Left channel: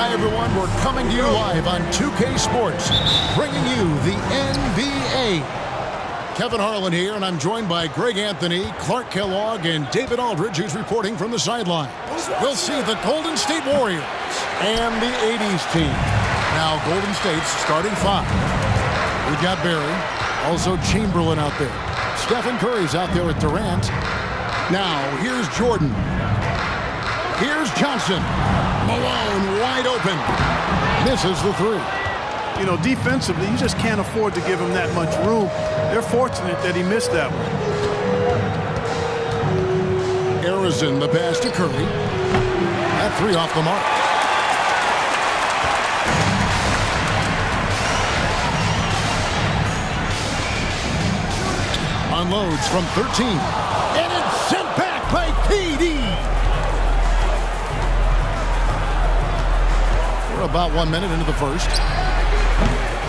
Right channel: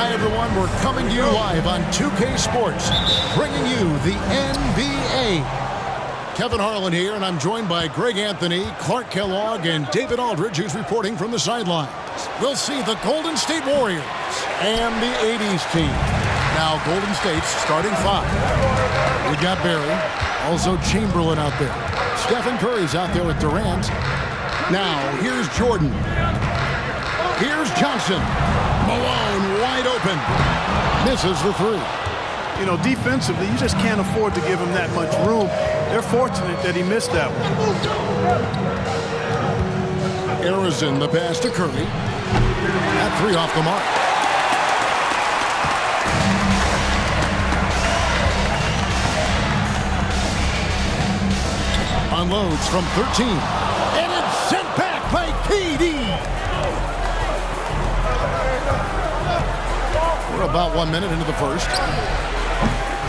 Hi, everyone. We're coming to you live on 2K Sports, bringing you the NBA. Kevin Harlan here, and I'm joined by Greg Anthony, Clark Kellogg, and David Aldridge, who's reporting from the sideline. We'll see the Golden State Warriors and the 80's team. Now, Golden State's starting five. We got Barry, also Chamberlain out there. Stephen Curry's out there with Durant. Now, here's Jordan. Here's Johnson. Malone wide open. Misses the three. You know, defensively, you just can't afford to give him that much room. They're fortunate that he missed that one. Arizin, the pass to Curry. That three off the mark. Unloads from 13. And it's sent back by KD. We're about 1 minute into the first.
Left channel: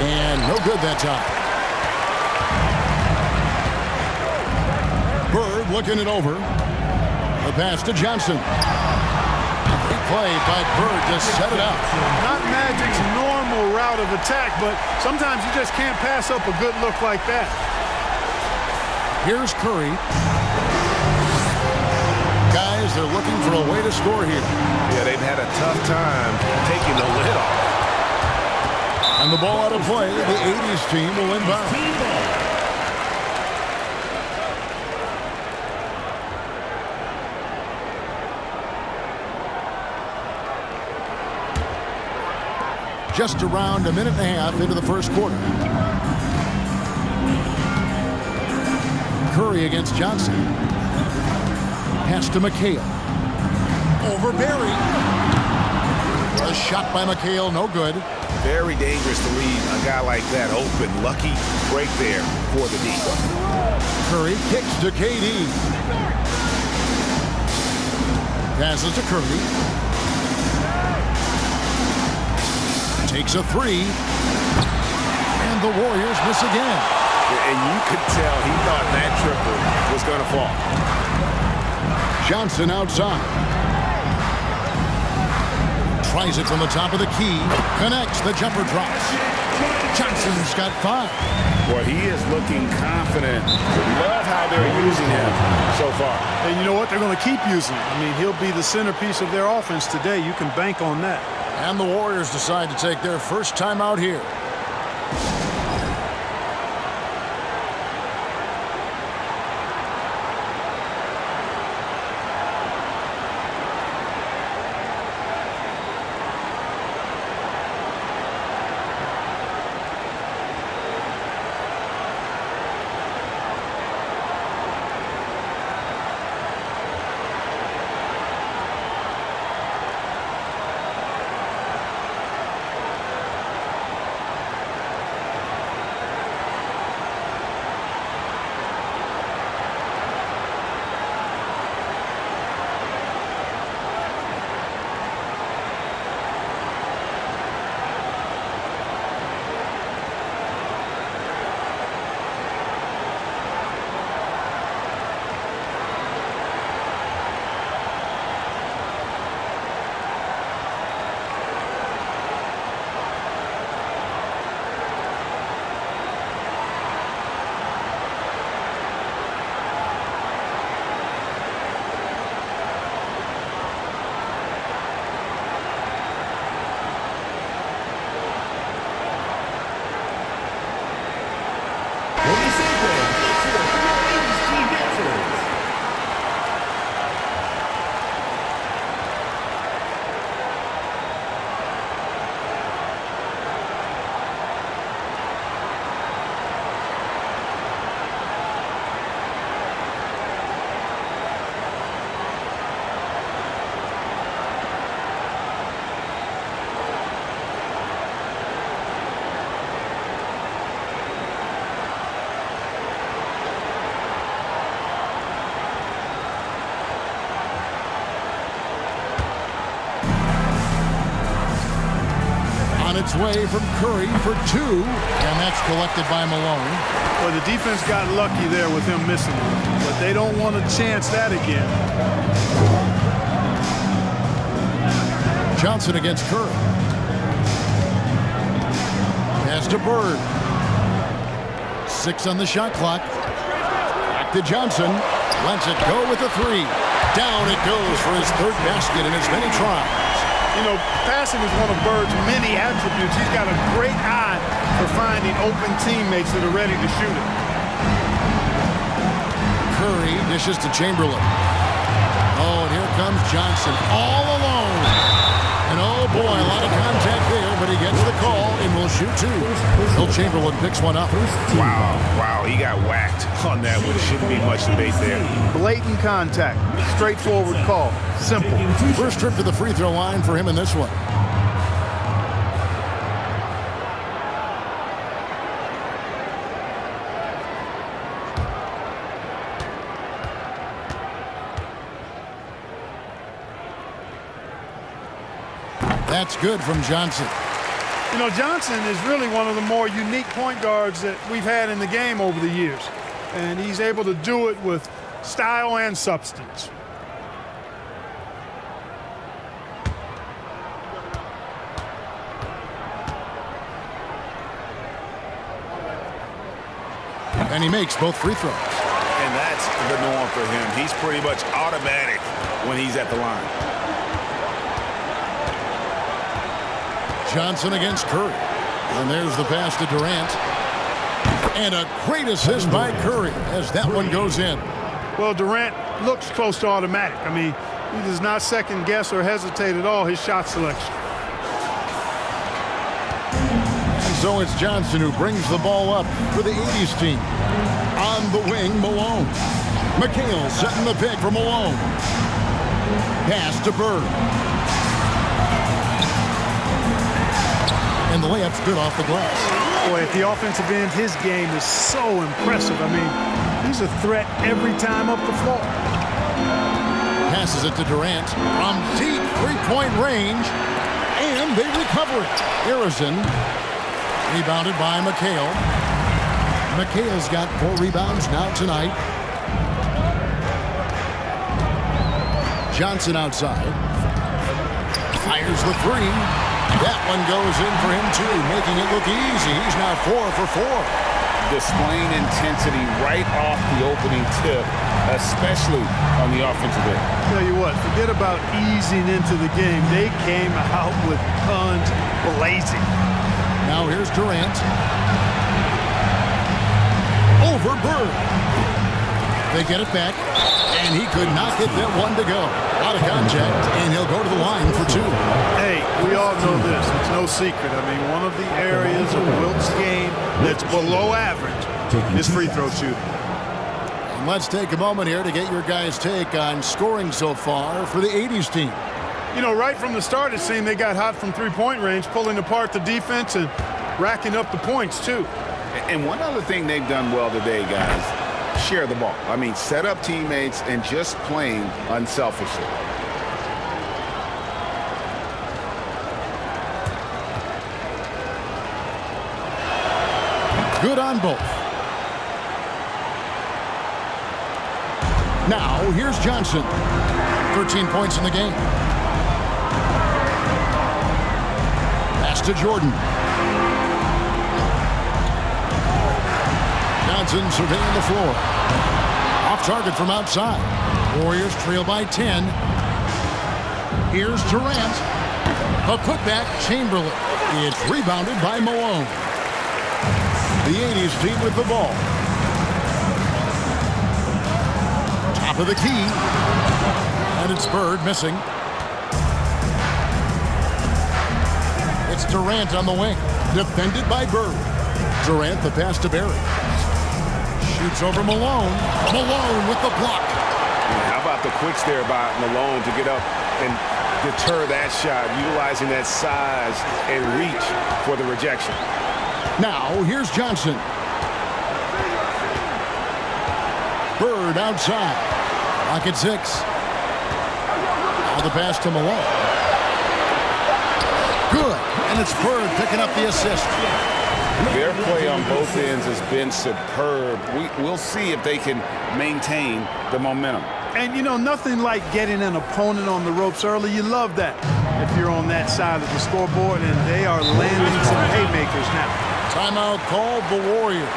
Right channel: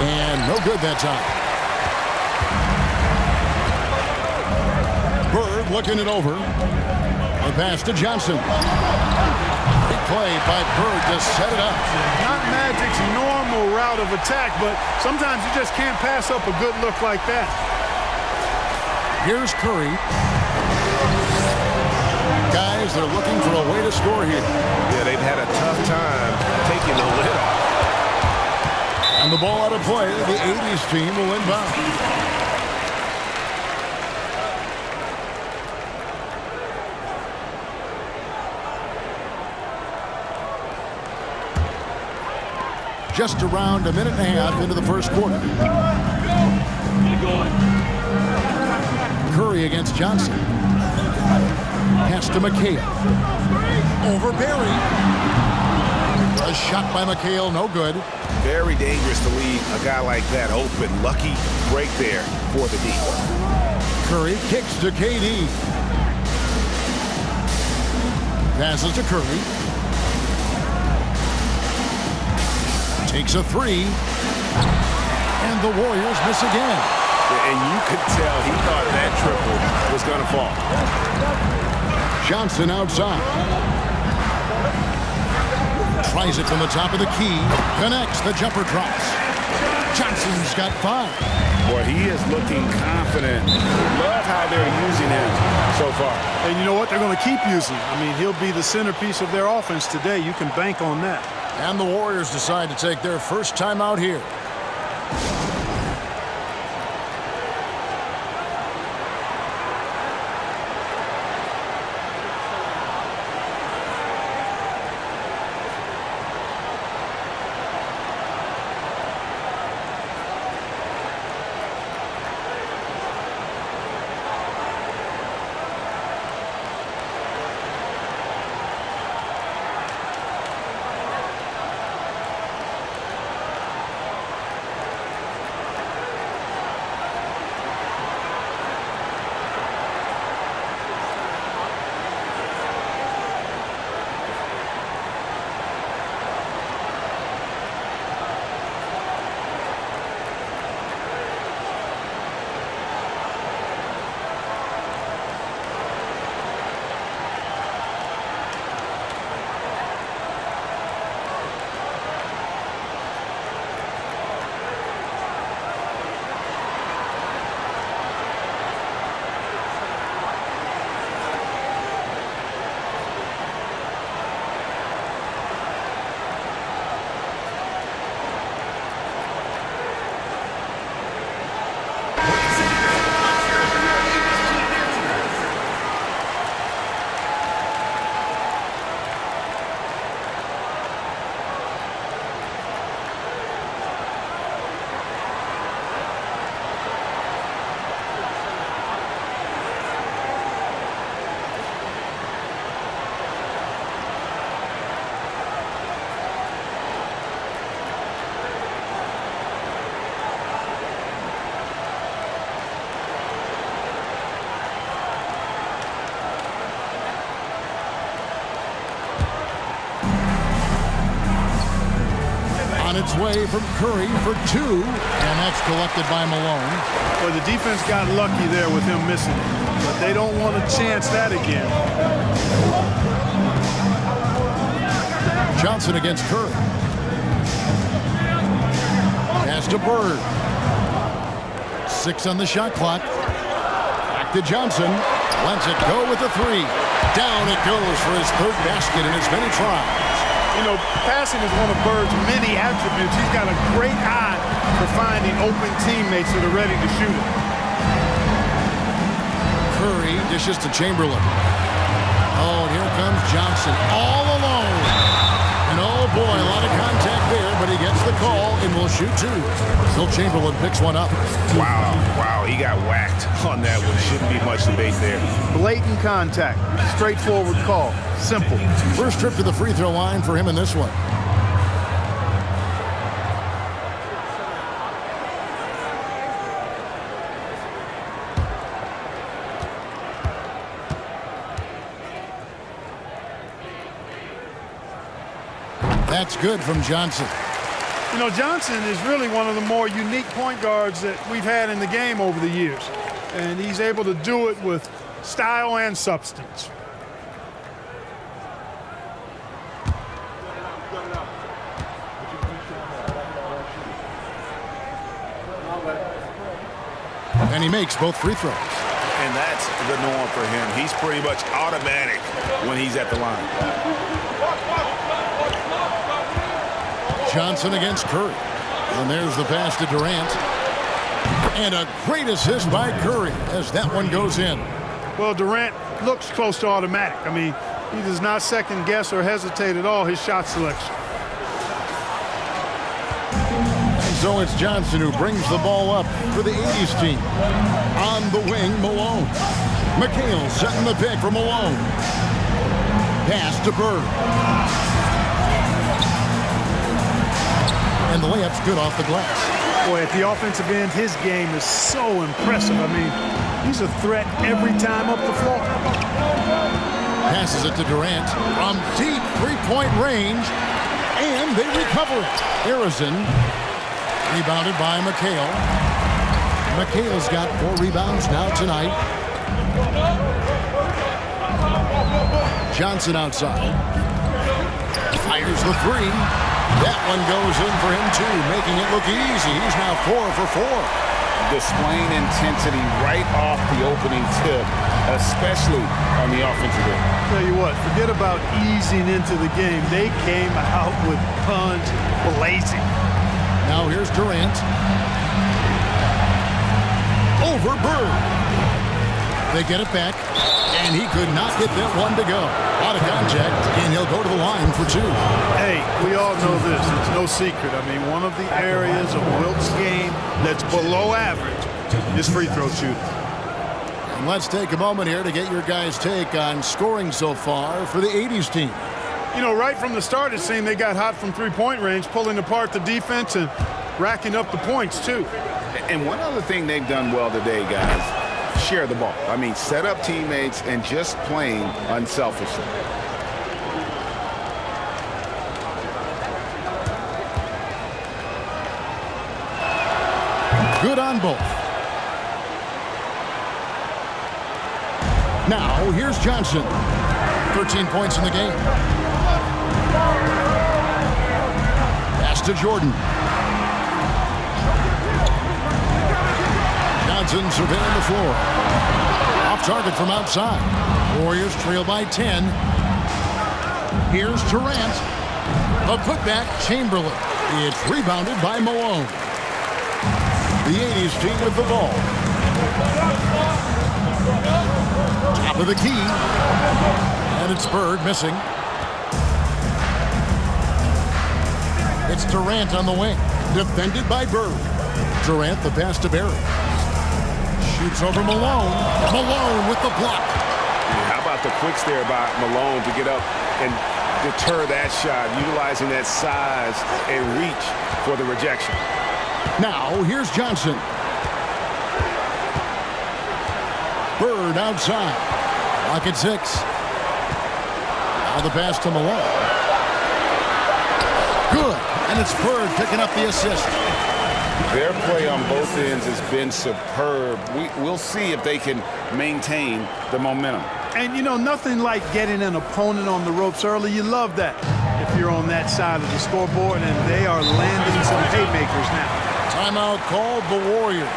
And no good that time. Bird looking it over. The pass to Johnson. Great play by Bird to set it up. Not Magic's normal route of attack, but sometimes you just can't pass up a good look like that. Here's Curry. Guys, they're looking for a way to score here. Yeah, they've had a tough time taking the lid off. And the ball out of play. The 80's team will inbound. Just around a minute and a half into the first quarter. Curry against Johnson. Pass to McHale. Over Barry. A shot by McHale, no good. Very dangerous to leave a guy like that open. Lucky break there for the D. Curry kicks to KD. Passes to Curry. Takes a three. And the Warriors miss again. And you could tell he thought that triple was going to fall. Johnson outside. Tries it from the top of the key. Connects. The jumper drops. Johnson's got five. Boy, he is looking confident. Love how they're using him so far. And you know what? They're going to keep using him. I mean, he'll be the centerpiece of their offense today. You can bank on that. And the Warriors decide to take their first time out here. On its way from Curry for two, and that's collected by Malone. Well, the defense got lucky there with him missing it, but they don't want to chance that again. Johnson against Curry. Pass to Bird. 6 on the shot clock. Back to Johnson. Lets it go with a 3. Down it goes for his 3rd basket in as many tries. You know, passing is one of Bird's many attributes. He's got a great eye for finding open teammates that are ready to shoot it. Curry dishes to Chamberlain. Oh, and here comes Johnson all alone. And oh boy, a lot of contact there, but he gets the call and will shoot 2. Will Chamberlain picks one up. Wow, he got whacked on that one. Shouldn't be much debate there. Blatant contact, straightforward call, simple. First trip to the free throw line for him in this one. That's good from Johnson. You know, Johnson is really one of the more unique point guards that we've had in the game over the years. And he's able to do it with style and substance. And he makes both free throws. And that's the norm for him. He's pretty much automatic when he's at the line. Johnson against Curry. And there's the pass to Durant. And a great assist by Curry as that one goes in. Well, Durant looks close to automatic. I mean, he does not second guess or hesitate at all his shot selection. And so it's Johnson who brings the ball up for the 80's team. On the wing, Malone. McHale setting the pick for Malone. Pass to Bird. And the layup's good off the glass. Boy, at the offensive end, his game is so impressive. I mean, he's a threat every time up the floor. Passes it to Durant from deep three-point range, and they recover it. Harrison, rebounded by McHale. McHale's got 4 rebounds now tonight. Johnson outside. Fires the 3. That one goes in for him, too, making it look easy. He's now 4 for 4. Displaying intensity right off the opening tip, especially on the offensive end. Tell you what, forget about easing into the game. They came out with guns blazing. Now here's Durant. Over Bird. They get it back, and he could not get that one to go. A lot of contact, and he'll go to the line for 2. Hey, we all know this. It's no secret. I mean, one of the areas of Wilt's game that's below average is free throw shooting. And let's take a moment here to get your guys' take on scoring so far for the 80's team. You know, right from the start, it seemed they got hot from three-point range, pulling apart the defense and racking up the points, too. And one other thing they've done well today, guys, share the ball. I mean, set up teammates and just playing unselfishly. Good on both. Now, here's Johnson. 13 points in the game. Pass to Jordan. Johnson surveying the floor. Off target from outside. Warriors trail by 10. Here's Durant. A putback, Chamberlain. It's rebounded by Malone. The 80's team with the ball. Top of the key. And it's Bird missing. It's Durant on the wing. Defended by Bird. Durant the pass to Barry. Shoots over Malone. Malone with the block. How about the quicks there by Malone to get up and deter that shot, utilizing that size and reach for the rejection. Now, here's Johnson. Bird outside. Clock at 6. Now the pass to Malone. Good. And it's Bird picking up the assist. Their play on both ends has been superb. We'll see if they can maintain the momentum. And, you know, nothing like getting an opponent on the ropes early. You love that if you're on that side of the scoreboard, and they are landing some haymakers now. Timeout called the Warriors.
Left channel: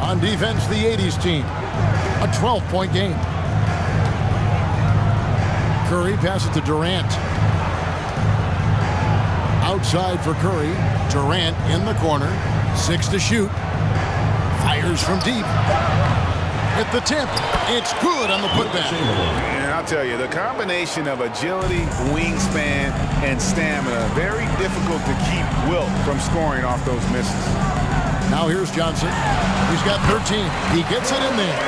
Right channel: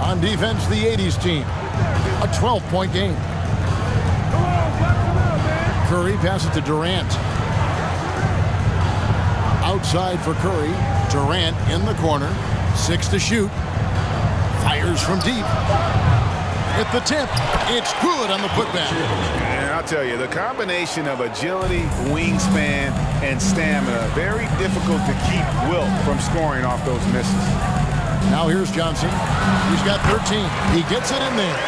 On defense, the 80's team. A 12-point game. Curry passes to Durant. Outside for Curry. Durant in the corner. 6 to shoot. Fires from deep. At the tip. It's good on the putback. And I'll tell you, the combination of agility, wingspan, and stamina, very difficult to keep Wilt from scoring off those misses. Now here's Johnson. He's got 13. He gets it in there.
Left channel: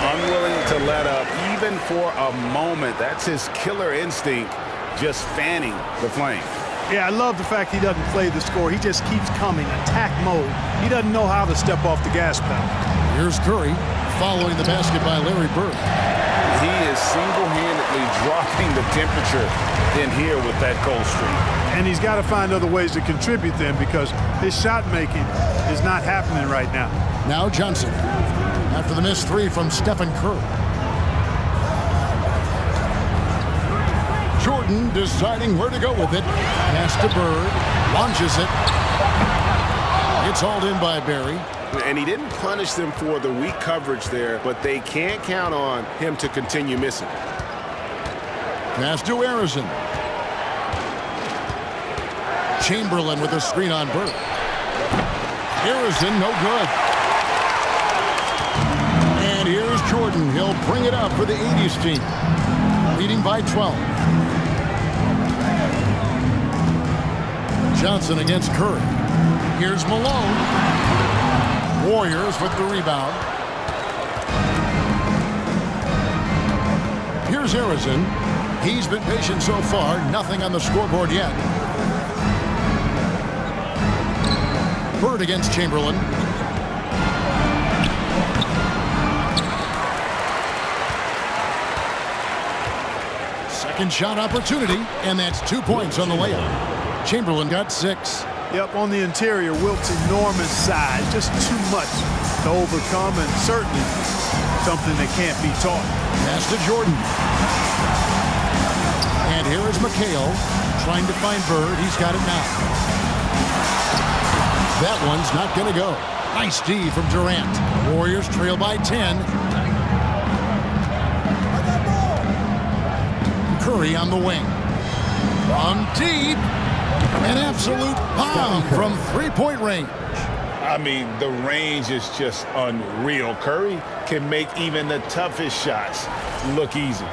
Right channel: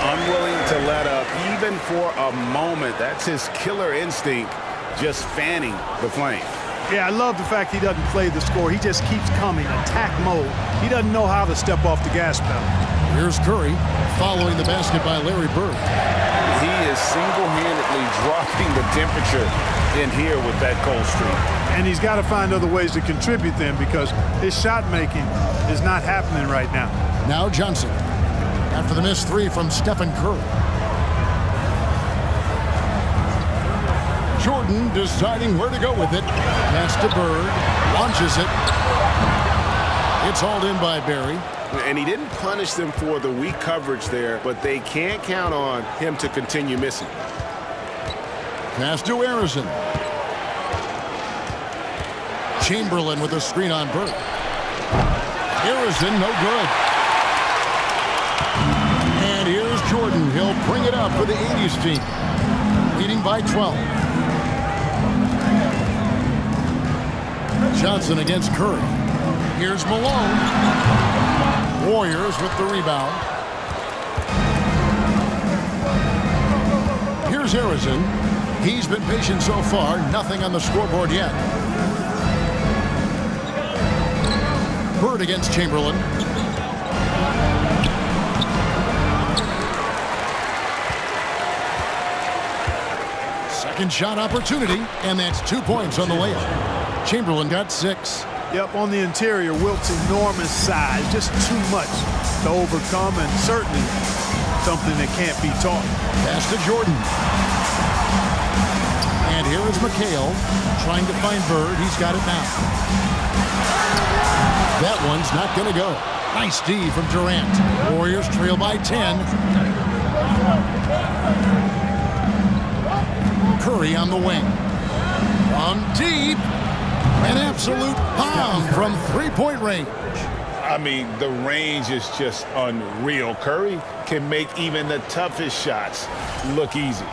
Unwilling to let up even for a moment. That's his killer instinct, just fanning the flame. Yeah, I love the fact he doesn't play the score. He just keeps coming, attack mode. He doesn't know how to step off the gas pedal. Here's Curry following the basket by Larry Bird. He is single-handedly dropping the temperature in here with that cold streak. And he's got to find other ways to contribute then because his shot making is not happening right now. Now Johnson. After the missed 3 from Stephen Curry. Jordan deciding where to go with it. Pass to Bird. Launches it. It's hauled in by Barry. And he didn't punish them for the weak coverage there, but they can't count on him to continue missing. Pass to Harrison. Chamberlain with a screen on Bird. Harrison, no good. And here's Jordan. He'll bring it up for the 80's team. Leading by 12. Johnson against Curry. Here's Malone. Warriors with the rebound. Here's Harrison. He's been patient so far. Nothing on the scoreboard yet. Bird against Chamberlain. Second shot opportunity, and that's 2 points on the layup. Chamberlain got 6. Yep, on the interior, Wilt's enormous size, just too much to overcome, and certainly something that can't be taught. Pass to Jordan. And here is McHale trying to find Bird. He's got it now. That one's not going to go. Nice D from Durant. Warriors trail by 10. Curry on the wing. From deep. An absolute bomb from three-point range. I mean, the range is just unreal. Curry can make even the toughest shots look easy.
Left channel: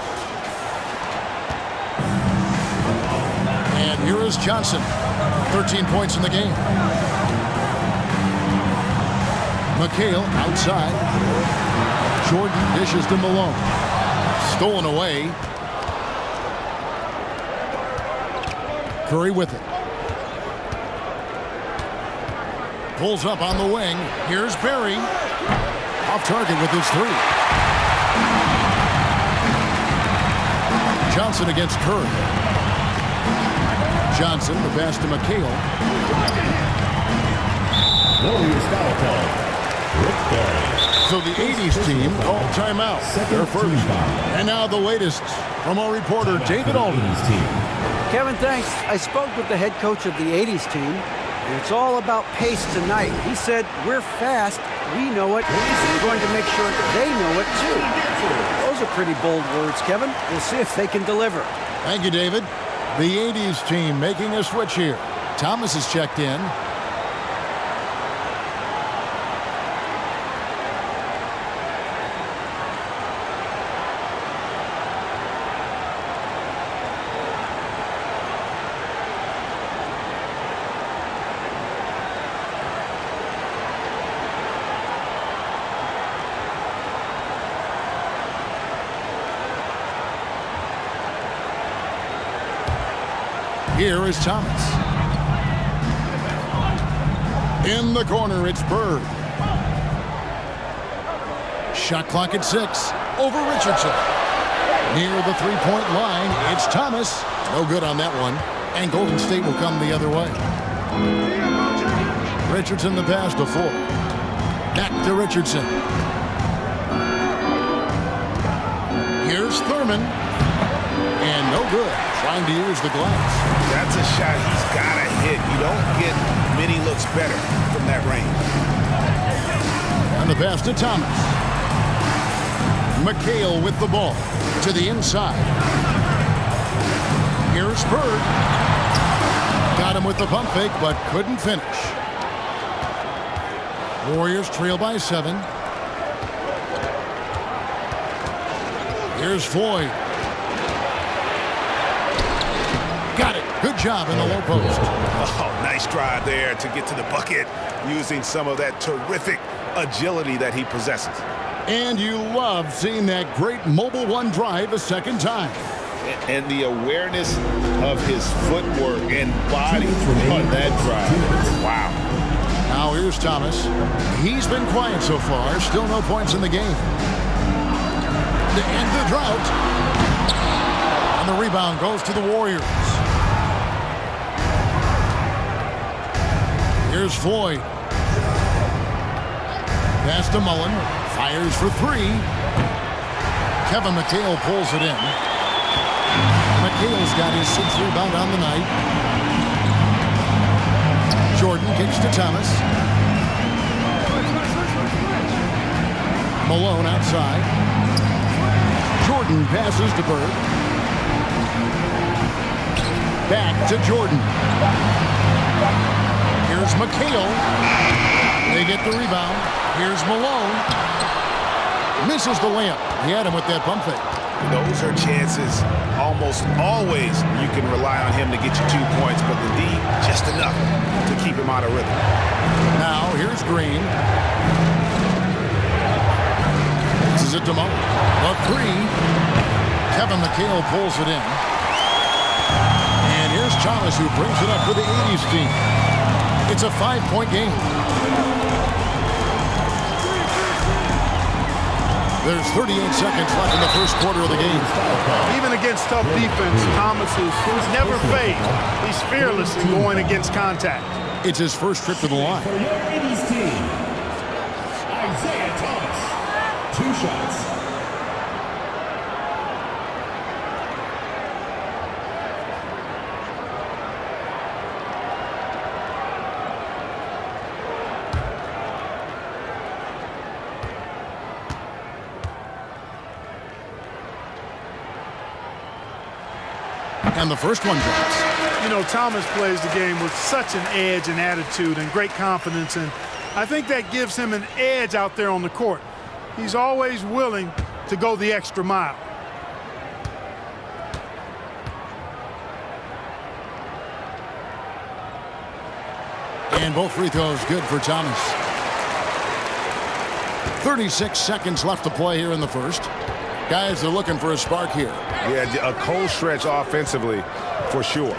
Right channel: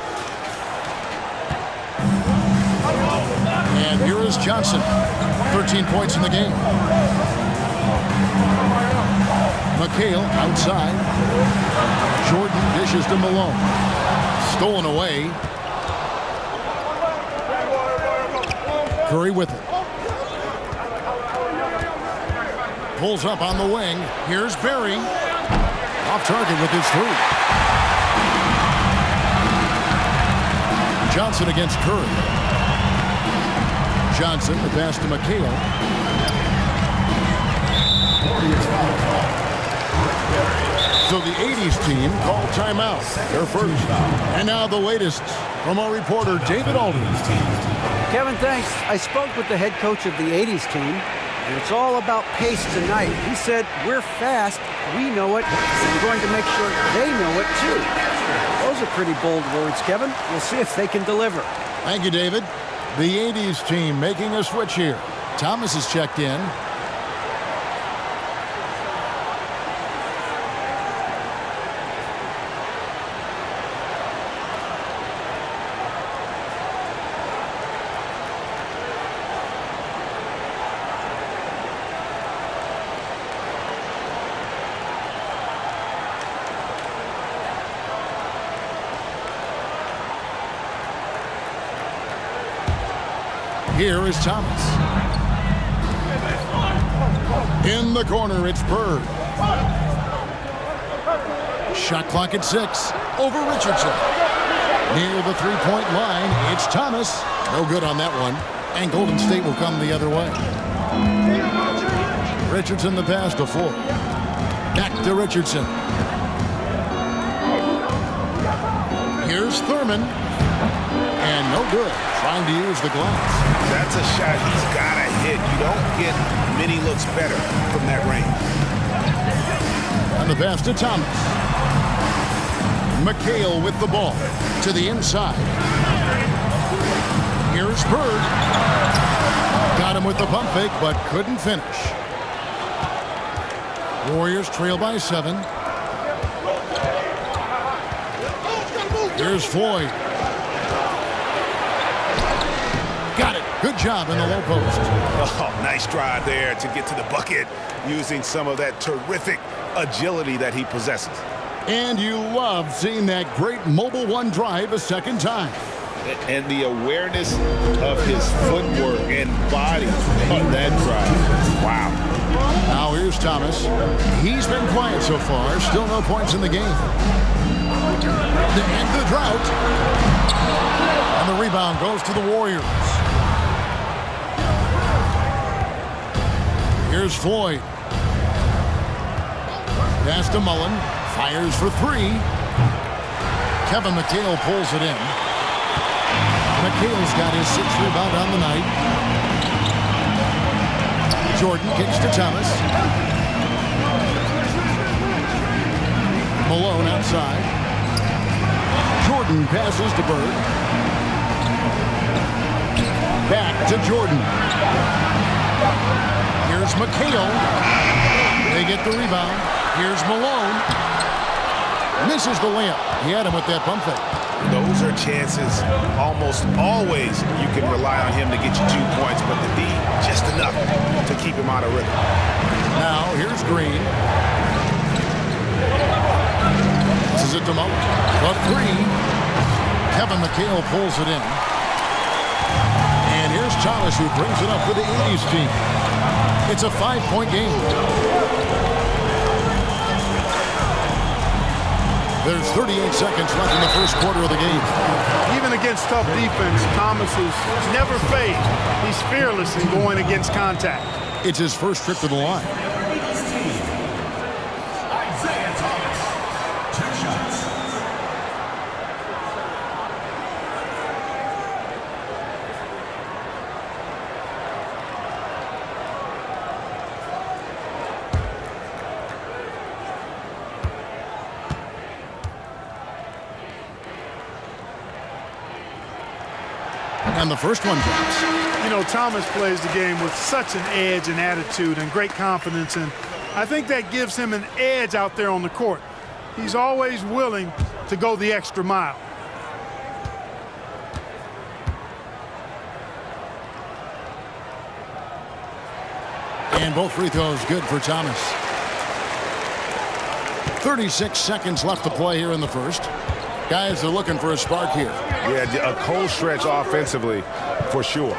And here is Johnson. 13 points in the game. McHale outside. Jordan dishes to Malone. Stolen away. Curry with it. Pulls up on the wing. Here's Barry. Off target with his 3. Johnson against Curry. Johnson, the pass to McHale. Warriors foul call. Rick Barry. So the 80's team called timeout. Their first. And now the latest from our reporter, David Aldridge. Kevin, thanks. I spoke with the head coach of the 80's team, and it's all about pace tonight. He said, we're fast, we know it, and we're going to make sure they know it too. Those are pretty bold words, Kevin. We'll see if they can deliver. Thank you, David. The 80's team making a switch here. Thomas has checked in. Here is Thomas. In the corner, it's Bird. Shot clock at 6. Over Richardson. Near the three-point line, it's Thomas. No good on that one. And Golden State will come the other way. Richardson the pass to Floyd. Back to Richardson. Here's Thurman. And no good. Trying to use the glass. That's a shot he's got to hit. You don't get many looks better from that range. And the pass to Thomas. McHale with the ball. To the inside. Here's Bird. Got him with the pump fake, but couldn't finish. Warriors trail by 7. Here's Floyd. Got it. Good job in the low post. Oh, nice drive there to get to the bucket using some of that terrific agility that he possesses. And you love seeing that great mobile one drive a second time. And the awareness of his footwork and body on that drive. Wow. Now here's Thomas. He's been quiet so far. Still no points in the game. To end the drought. And the rebound goes to the Warriors. Here's Floyd. Pass to Mullen. Fires for 3. Kevin McHale pulls it in. McHale's got his 6th rebound on the night. Jordan kicks to Thomas. Malone outside. Jordan passes to Bird. Back to Jordan. Here's McHale. They get the rebound. Here's Malone. Misses the layup. He had him with that pump fake. Those are chances almost always you can rely on him to get you 2 points, but the D, just enough to keep him out of rhythm. Now, here's Green. This is it to Mullen. The 3. Kevin McHale pulls it in. And here's Thomas, who brings it up for the 80's team. It's a 5-point game. There's 38 seconds left in the first quarter of the game. Even against tough defense, Thomas is never fazed. He's fearless in going against contact. It's his first trip to the line. For your 80's team, Isaiah Thomas. 2 shots. And the first one drops. You know, Thomas plays the game with such an edge and attitude and great confidence, and I think that gives him an edge out there on the court. He's always willing to go the extra mile. And both free throws good for Thomas. 36 seconds left to play here in the first. Guys are looking for a spark here. Yeah, a cold stretch offensively for sure.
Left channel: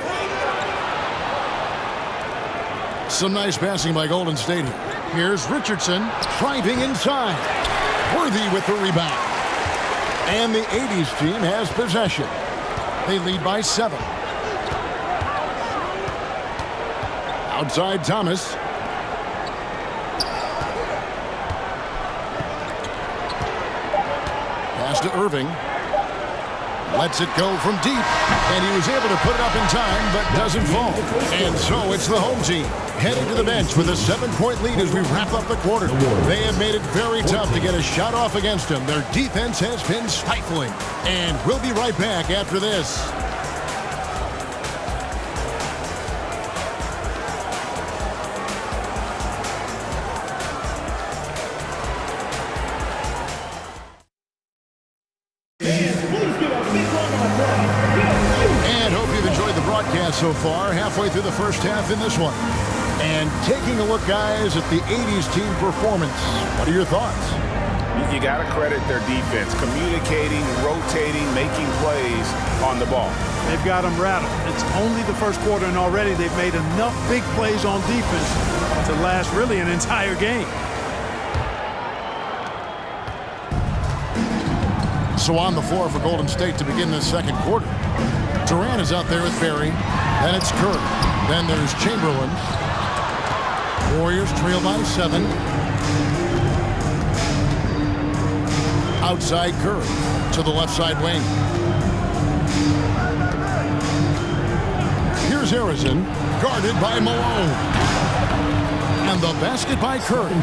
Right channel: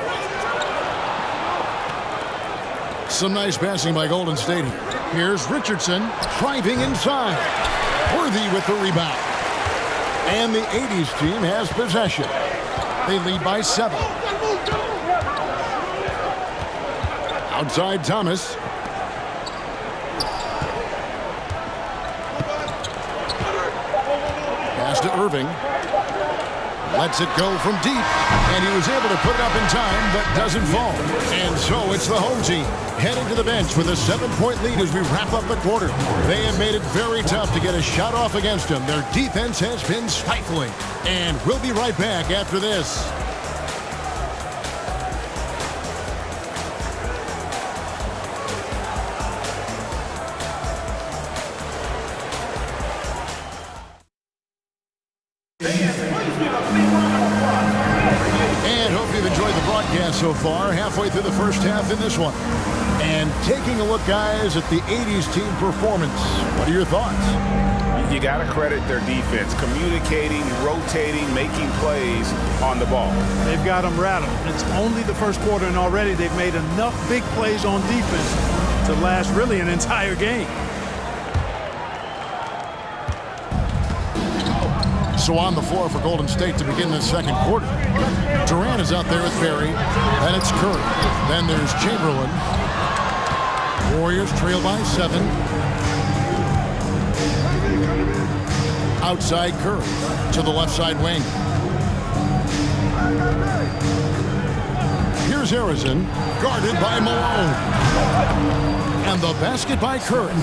Some nice passing by Golden State here. Here's Richardson driving inside. Worthy with the rebound. And the 80's team has possession. They lead by 7. Outside Thomas. Pass to Irving. Lets it go from deep. And he was able to put it up in time, but doesn't fall. And so it's the home team heading to the bench with a 7-point lead as we wrap up the quarter. They have made it very tough to get a shot off against them. Their defense has been stifling. And we'll be right back after this. And hope you've enjoyed the broadcast so far, halfway through the first half in this one. And taking a look, guys, at the 80's team performance. What are your thoughts? You got to credit their defense, communicating, rotating, making plays on the ball. They've got them rattled. It's only the first quarter, and already they've made enough big plays on defense to last really an entire game. Also on the floor for Golden State to begin this second quarter. Durant is out there with Barry. Then it's Curry. Then there's Chamberlain. Warriors trail by 7. Outside Curry to the left side wing. Here's Harrison, guarded by Malone. And the basket by Curry.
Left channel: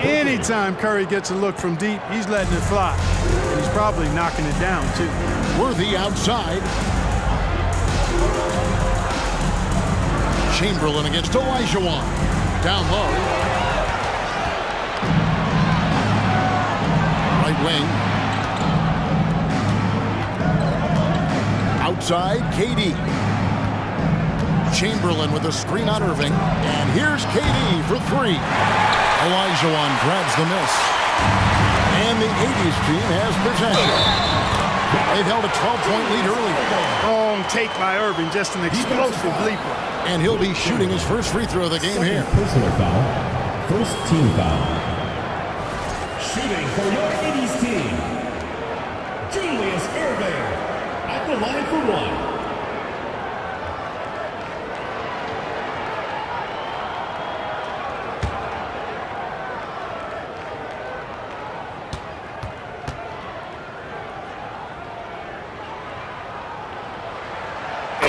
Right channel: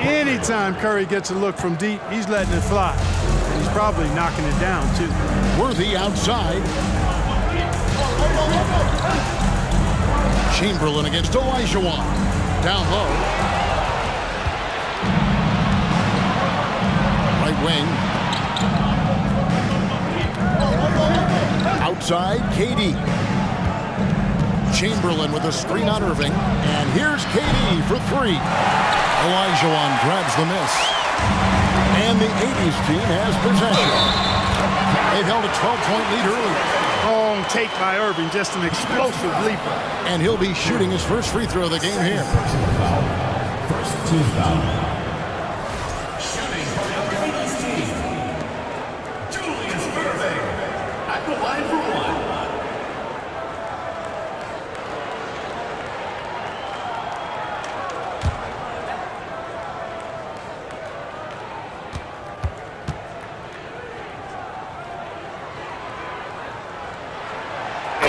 Anytime Curry gets a look from deep, he's letting it fly. And he's probably knocking it down, too. Worthy outside. Chamberlain against Olajuwon. Down low. Right wing. Outside, KD. Chamberlain with a screen on Irving. And here's KD for 3. Olajuwon grabs the miss. And the 80's team has possession. They've held a 12-point lead earlier. Wrong take by Irving, just an explosive leaper. And he'll be shooting his first free throw of the game here. Personal foul. First team foul. Shooting for your 80's team, Julius Irving at the line for 1.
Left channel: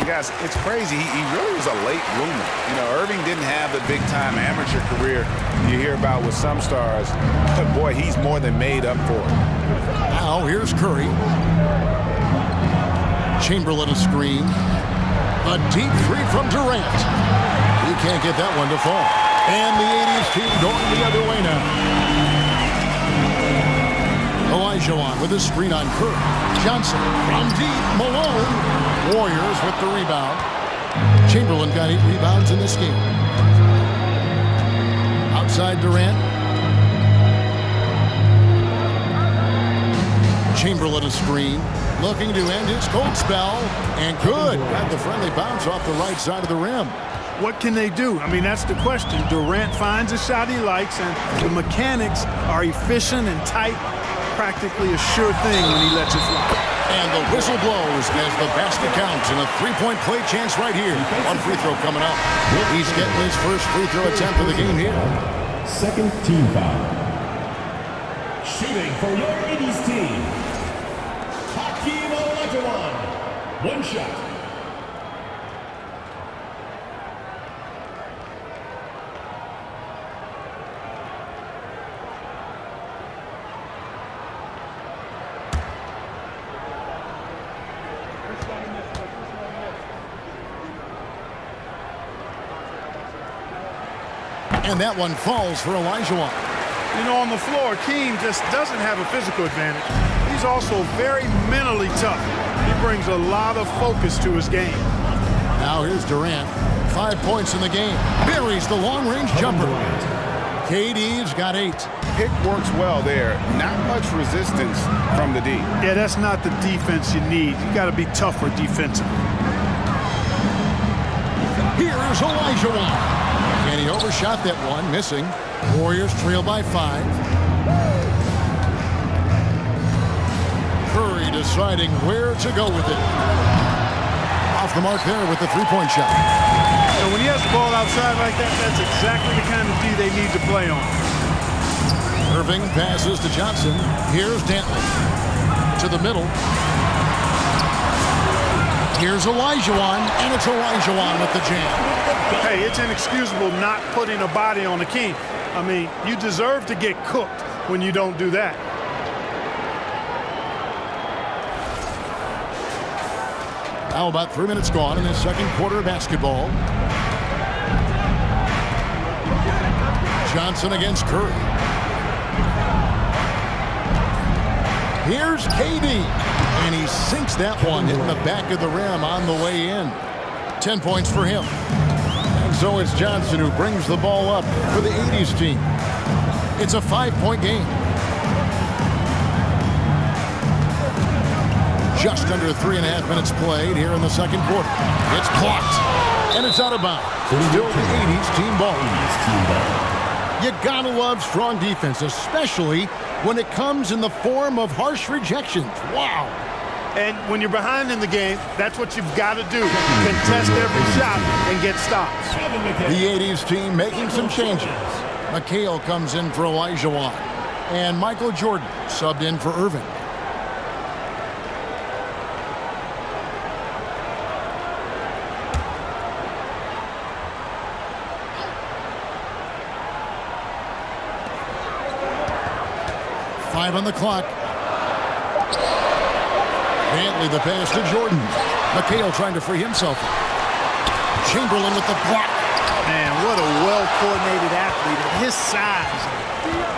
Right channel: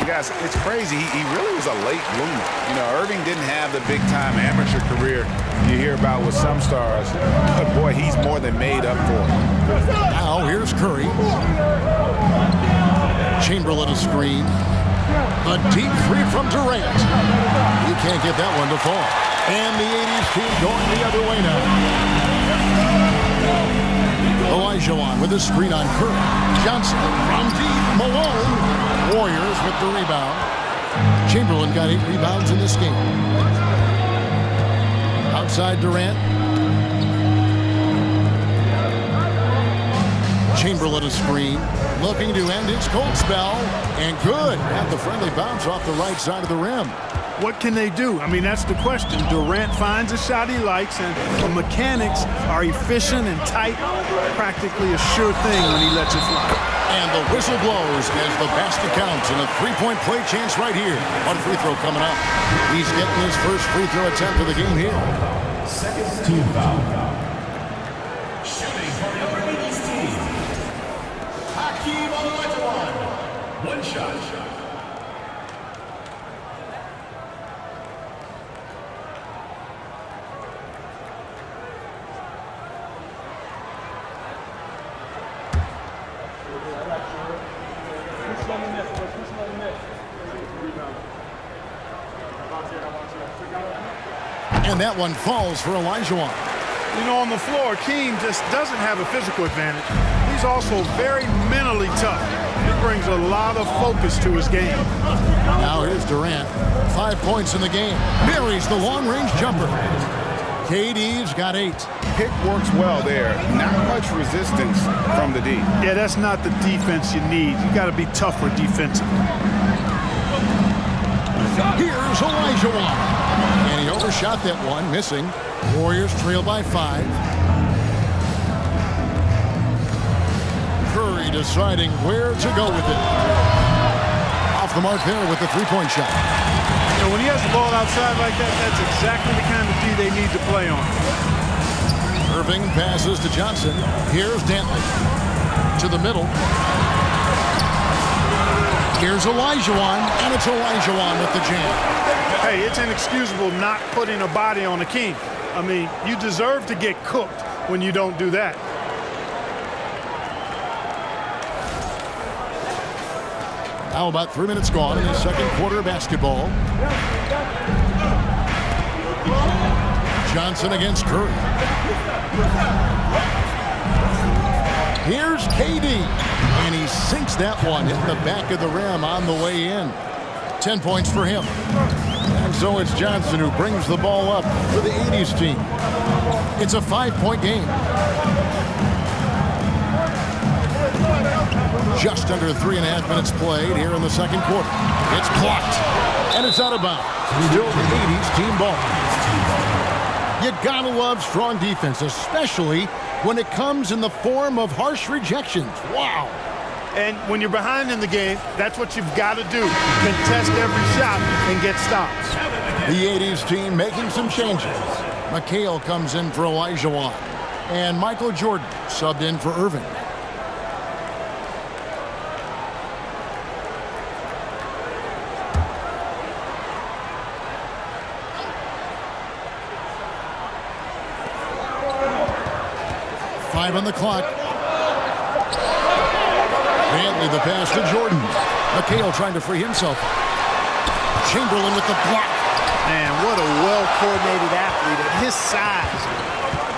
Guys, it's crazy. He really was a late bloomer. You know, Irving didn't have the big-time amateur career you hear about with some stars, but boy, he's more than made up for it. Now here's Curry. Chamberlain a screen. A deep three from Durant. He can't get that one to fall. And the 80's team going the other way now. Olajuwon with a screen on Curry. Johnson from deep. Malone. Warriors with the rebound. Chamberlain got 8 rebounds in this game. Outside Durant. Chamberlain a screen. Looking to end his cold spell. And good. Got the friendly bounce off the right side of the rim. What can they do? I mean, that's the question. Durant finds a shot he likes, and the mechanics are efficient and tight. Practically a sure thing when he lets it fly. And the whistle blows as the basket counts and a 3-point play chance right here. One free throw coming up. He's getting his first free throw attempt of the game here. Second team foul. Shooting for your 80's team, Hakeem Olajuwon. 1 shot. And that one falls for Olajuwon. You know, on the floor, Keem just doesn't have a physical advantage. He's also very mentally tough. He brings a lot of focus to his game. Now here's Durant. 5 points in the game. Buries the long-range jumper. KD's got 8. Pick works well there. Not much resistance from the D. Yeah, that's not the defense you need. You got to be tougher defensively. Here's Olajuwon. And he overshot that one, missing. Warriors trail by 5. Curry deciding where to go with it. Off the mark there with the 3-point shot. And when he has the ball outside like that, that's exactly the kind of D they need to play on. Irving passes to Johnson. Here's Dantley. To the middle. Here's Olajuwon, and it's Olajuwon with the jam. Hey, it's inexcusable not putting a body on Hakeem. I mean, you deserve to get cooked when you don't do that. Now about 3 minutes gone in the second quarter of basketball. Johnson against Curry. Here's KD. And he sinks that one, hitting the back of the rim on the way in. 10 points for him. And so it's Johnson who brings the ball up for the 80's team. It's a 5-point game. Just under 3.5 minutes played here in the second quarter. It's blocked. And it's out of bounds. Still the 80's team ball. You gotta love strong defense, especially when it comes in the form of harsh rejections. Wow. And when you're behind in the game, that's what you've got to do. Contest every shot and get stops. The 80s team making some changes. McHale comes in for Elijah Wan. And Michael Jordan subbed in for Irving. Five on the clock. Bentley the pass to Jordan. McHale trying to free himself up. Chamberlain with the block. Man, what a well-coordinated athlete at his size.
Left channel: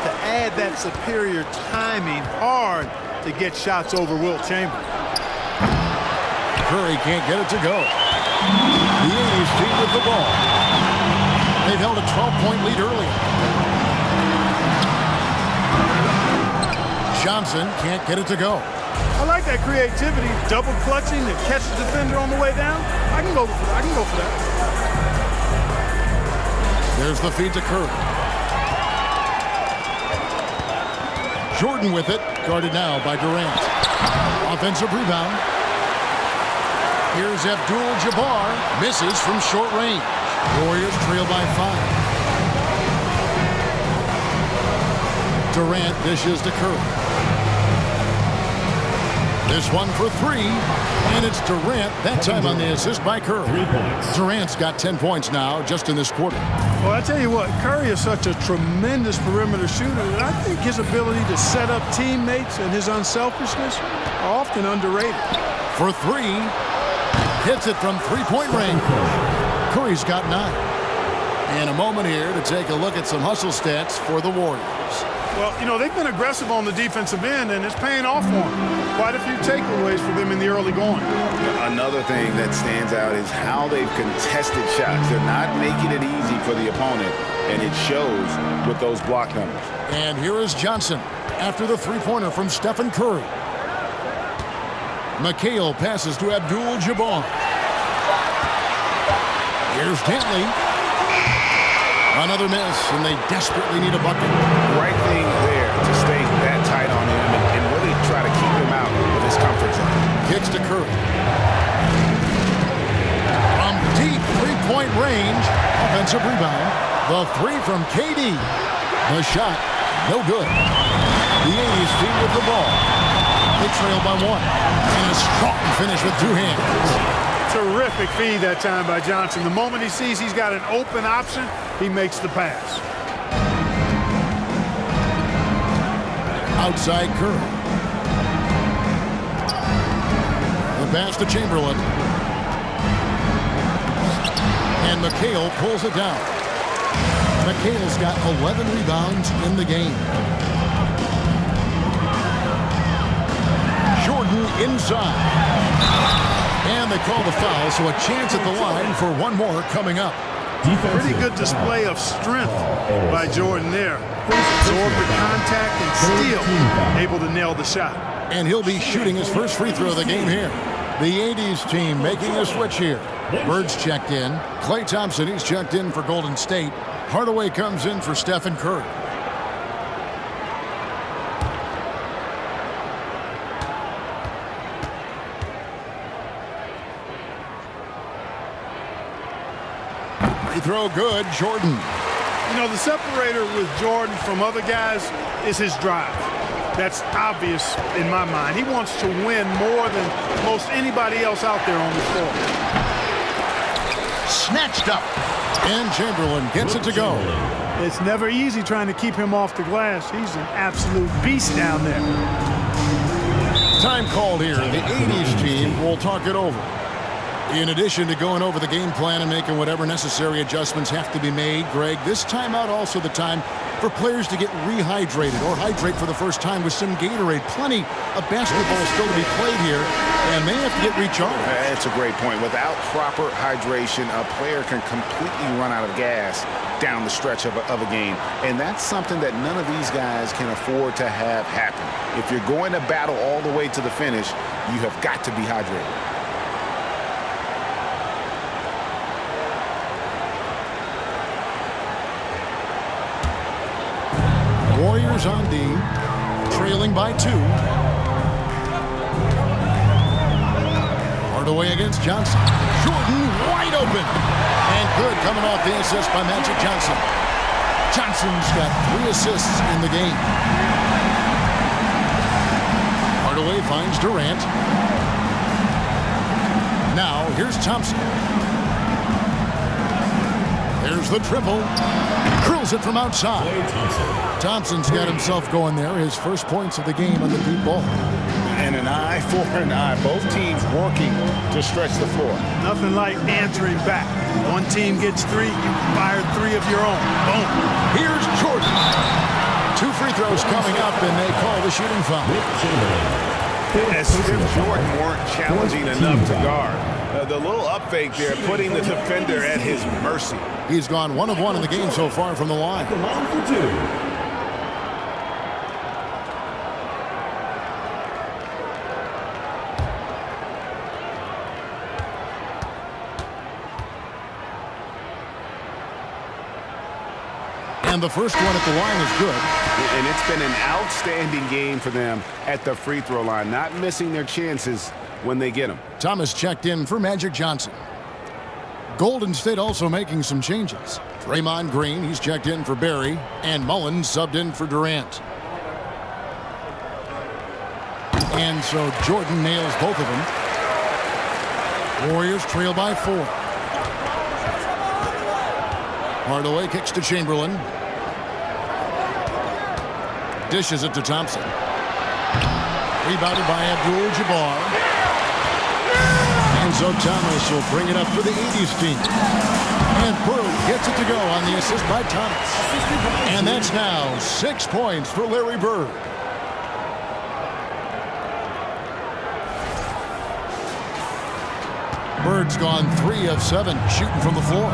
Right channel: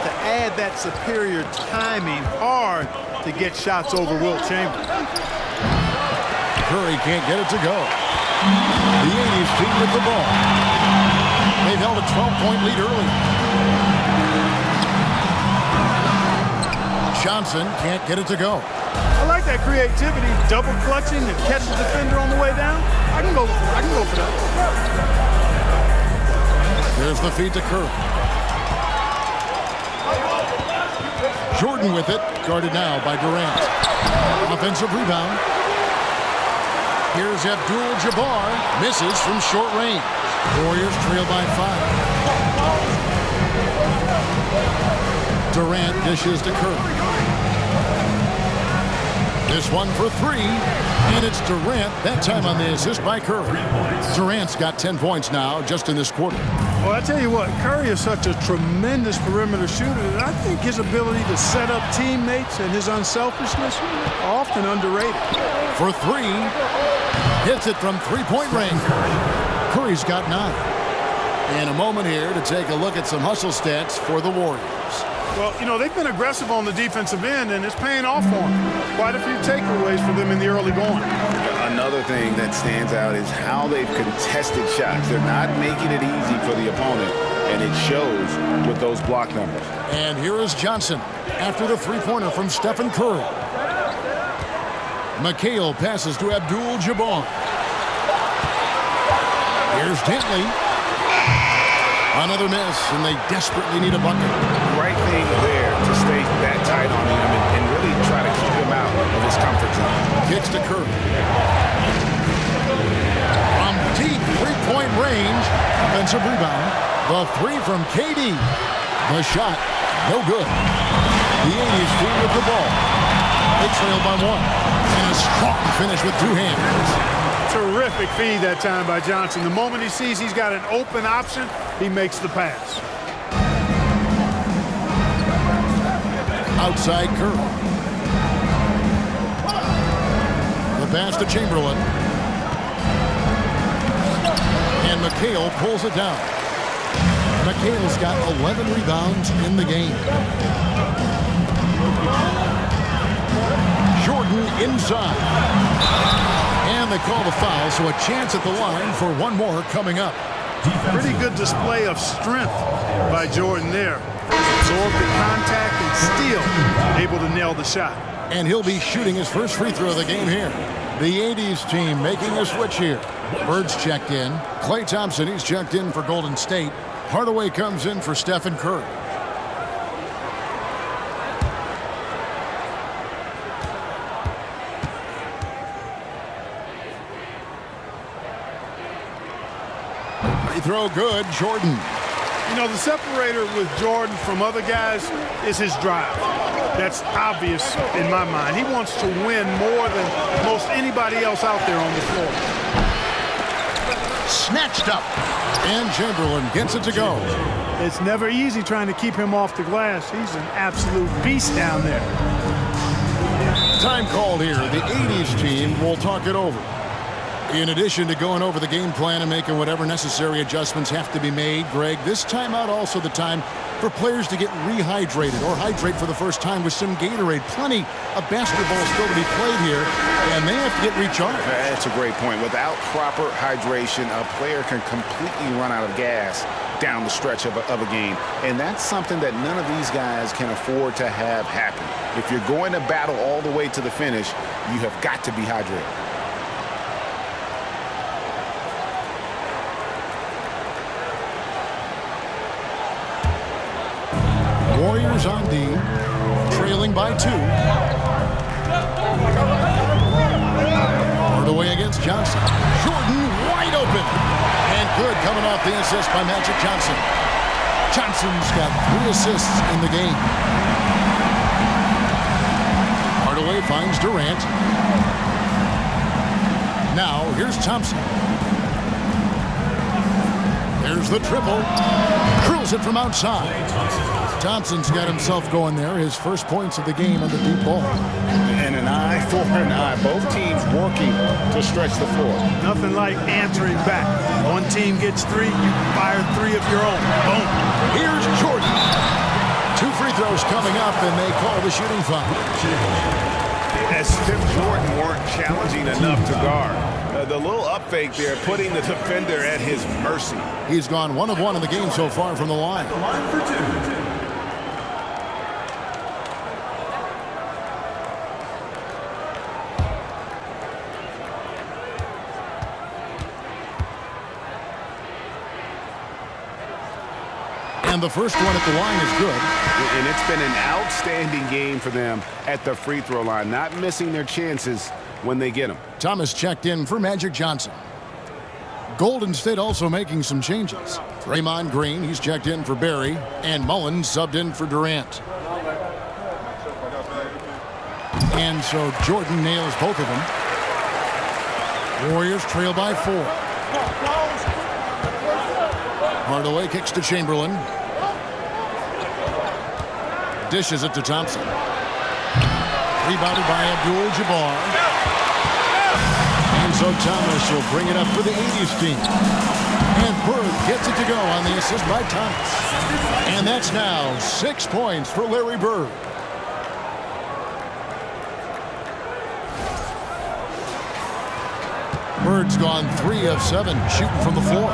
To add that superior timing, hard to get shots over Wilt Chamberlain. Curry can't get it to go. The 80s team with the ball. They've held a 12-point lead early. Johnson can't get it to go. I like that creativity, double clutching to catch the defender on the way down. I can go for that. There's the feed to Curry. Jordan with it, guarded now by Durant. Offensive rebound. Here's Abdul-Jabbar, misses from short range. Warriors trail by 5. Durant dishes to Curry. This one for three, and it's Durant, that time on the assist by Curry. Durant's got 10 points now just in this quarter. Well, I tell you what, Curry is such a tremendous perimeter shooter that I think his ability to set up teammates and his unselfishness are often underrated. For three, hits it from three-point range. Curry's got 9. And a moment here to take a look at some hustle stats for the Warriors. Well, you know, they've been aggressive on the defensive end, and it's paying off for them. Quite a few takeaways for them in the early going. Another thing that stands out is how they've contested shots. They're not making it easy for the opponent, and it shows with those block numbers. And here is Johnson after the three-pointer from Stephen Curry. McHale passes to Abdul-Jabbar. Here's Bentley. Another miss, and they desperately need a bucket. Right thing there to stay that tight on him and really try to keep him out of his comfort zone. Kicks to Curry. From deep three-point range, offensive rebound. The three from KD. The shot, no good. The 80s team with the ball. They trail by 1. And a strong finish with 2 hands. Terrific feed that time by Johnson. The moment he sees he's got an open option, he makes the pass. Outside Curry. The pass to Chamberlain. And McHale pulls it down. McHale's got 11 rebounds in the game. Jordan inside. And they call the foul, so a chance at the line for one more coming up. Pretty good display of strength by Jordan there. Absorbed the contact and still able to nail the shot. And he'll be shooting his first free throw of the game here. The 80s team making a switch here. Bird's checked in. Klay Thompson, he's checked in for Golden State. Hardaway comes in for Stephen Curry. Free throw good, Jordan. You know, the separator with Jordan from other guys is his drive. That's obvious in my mind. He wants to win more than most anybody else out there on the floor. Snatched up. And Chamberlain gets it to go. It's never easy trying to keep him off the glass. He's an absolute beast down there. Time called here. The 80s team will talk it over. In addition to going over the game plan and making whatever necessary adjustments have to be made, Greg, this timeout also the time for players to get rehydrated or hydrate for the first time with some Gatorade. Plenty of basketball still to be played here, and they have to get recharged. That's a great point. Without proper hydration, a player can completely run out of gas down the stretch of a game. And that's something that none of these guys can afford to have happen. If you're going to battle all the way to the finish, you have got to be hydrated. Warriors on D. trailing by 2. Hardaway against Johnson. Jordan wide open. And good coming off the assist by Magic Johnson. Johnson's got 3 assists in the game. Hardaway finds Durant. Now here's Thompson. There's the triple. Drills it from outside. Thompson's got himself going there. His first points of the game on the deep ball. And an eye for an eye. Both teams working to stretch the floor. Nothing like answering back. One team gets 3, you fire 3 of your own. Boom. Here's Jordan. 2 free throws coming up, and they call the shooting foul. As if Jordan weren't challenging enough to guard. The little up fake there, putting the defender at his mercy. He's gone 1 of 1 in the game so far from the line. The line for 2. And the first one at the line is good. And it's been an outstanding game for them at the free throw line, not missing their chances when they get them. Thomas checked in for Magic Johnson. Golden State also making some changes. Draymond Green, he's checked in for Barry, and Mullen subbed in for Durant. And so Jordan nails both of them. Warriors trail by 4. Hardaway kicks to Chamberlain. Dishes it to Thompson. Rebounded by Abdul-Jabbar. And so Thomas will bring it up for the 80's team. And Bird gets it to go on the assist by Thomas. And that's now 6 points for Larry Bird. Bird's gone 3 of 7 shooting from the floor.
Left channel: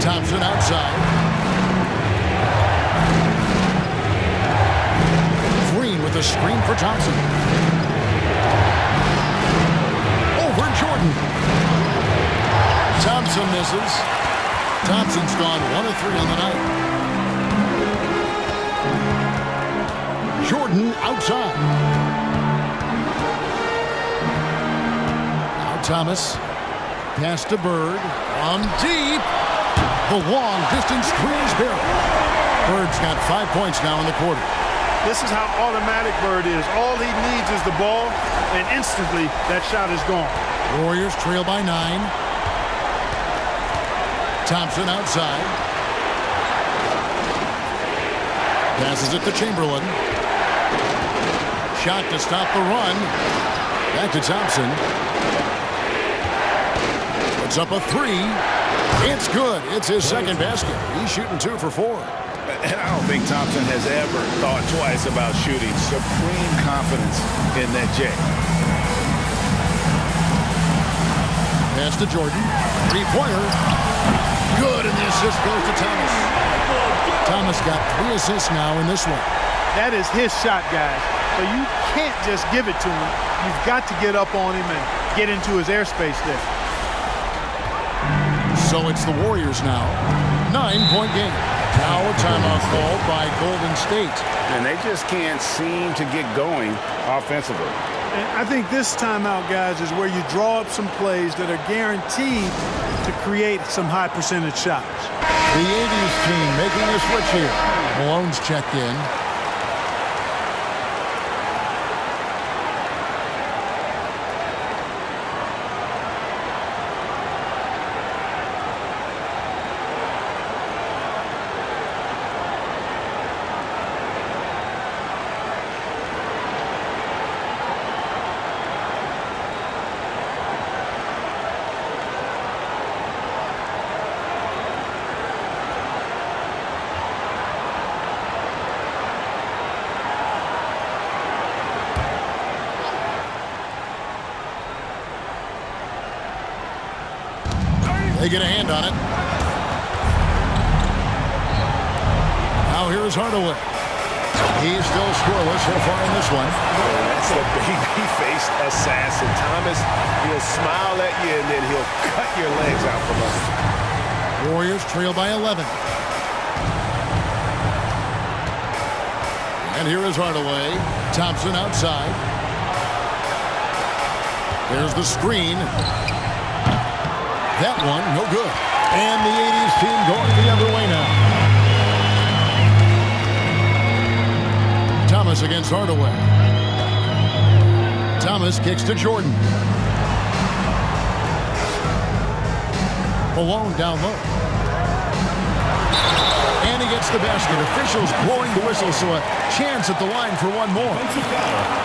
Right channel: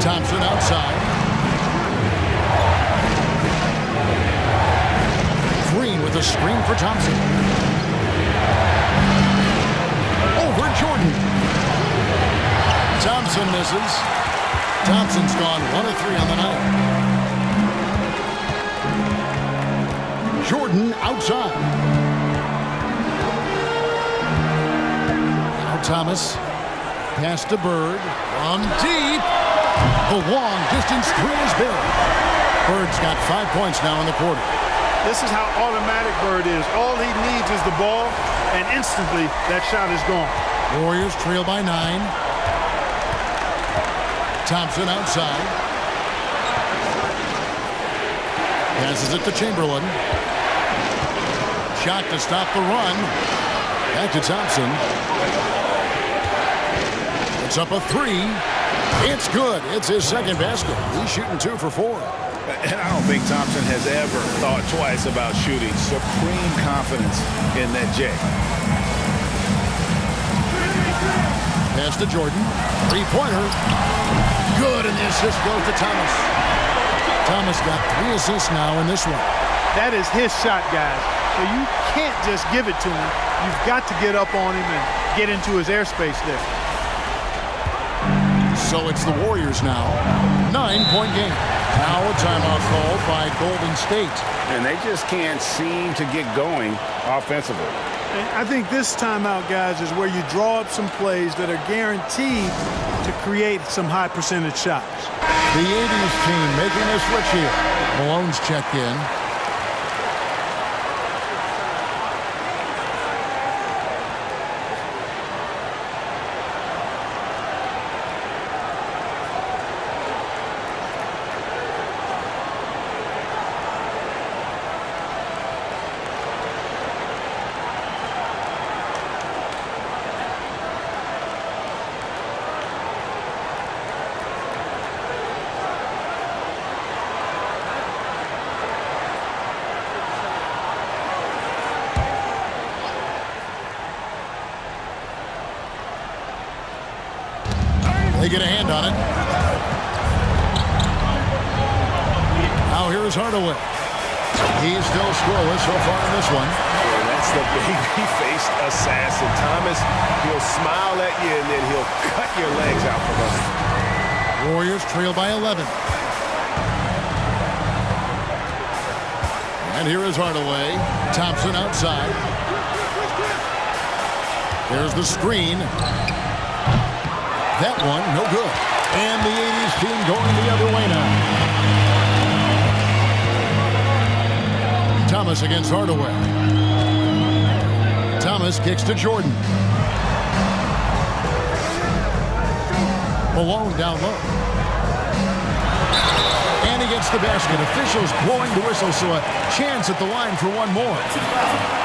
Thompson outside. Green with a screen for Thompson. Over Jordan. Thompson misses. Thompson's gone 1 of 3 on the night. Jordan outside. Now Thomas. Pass to Bird. From deep. The long distance 3 is Barry. Bird's got 5 points now in the quarter. This is how automatic Bird is. All he needs is the ball, and instantly that shot is gone. Warriors trail by 9. Thompson outside. Passes it to Chamberlain. Shot to stop the run. Back to Thompson. Puts up a 3. It's good. It's his second basket. He's shooting 2 for 4. And I don't think Thompson has ever thought twice about shooting. Supreme confidence in that J. Pass to Jordan. 3-pointer. Good, and the assist goes to Thomas. Thomas got 3 assists now in this one. That is his shot, guys. So you can't just give it to him. You've got to get up on him and get into his airspace there. So it's the Warriors now. 9-point game. Now a timeout called by Golden State. And they just can't seem to get going offensively. And I think this timeout, guys, is where you draw up some plays that are guaranteed to create some high percentage shots. The 80's team making a switch here. Malone's checked in. They get a hand on it. Now here's Hardaway. He's still scoreless so far in this one. And that's the baby-faced assassin. Thomas, he'll smile at you, and then he'll cut your legs out from under. Warriors trail by 11. And here is Hardaway. Thompson outside. There's the screen. That one, no good. And the 80s team going the other way now. Thomas against Hardaway. Thomas kicks to Jordan. Malone down low. And he gets the basket. Officials blowing the whistle, so a chance at the line for one more.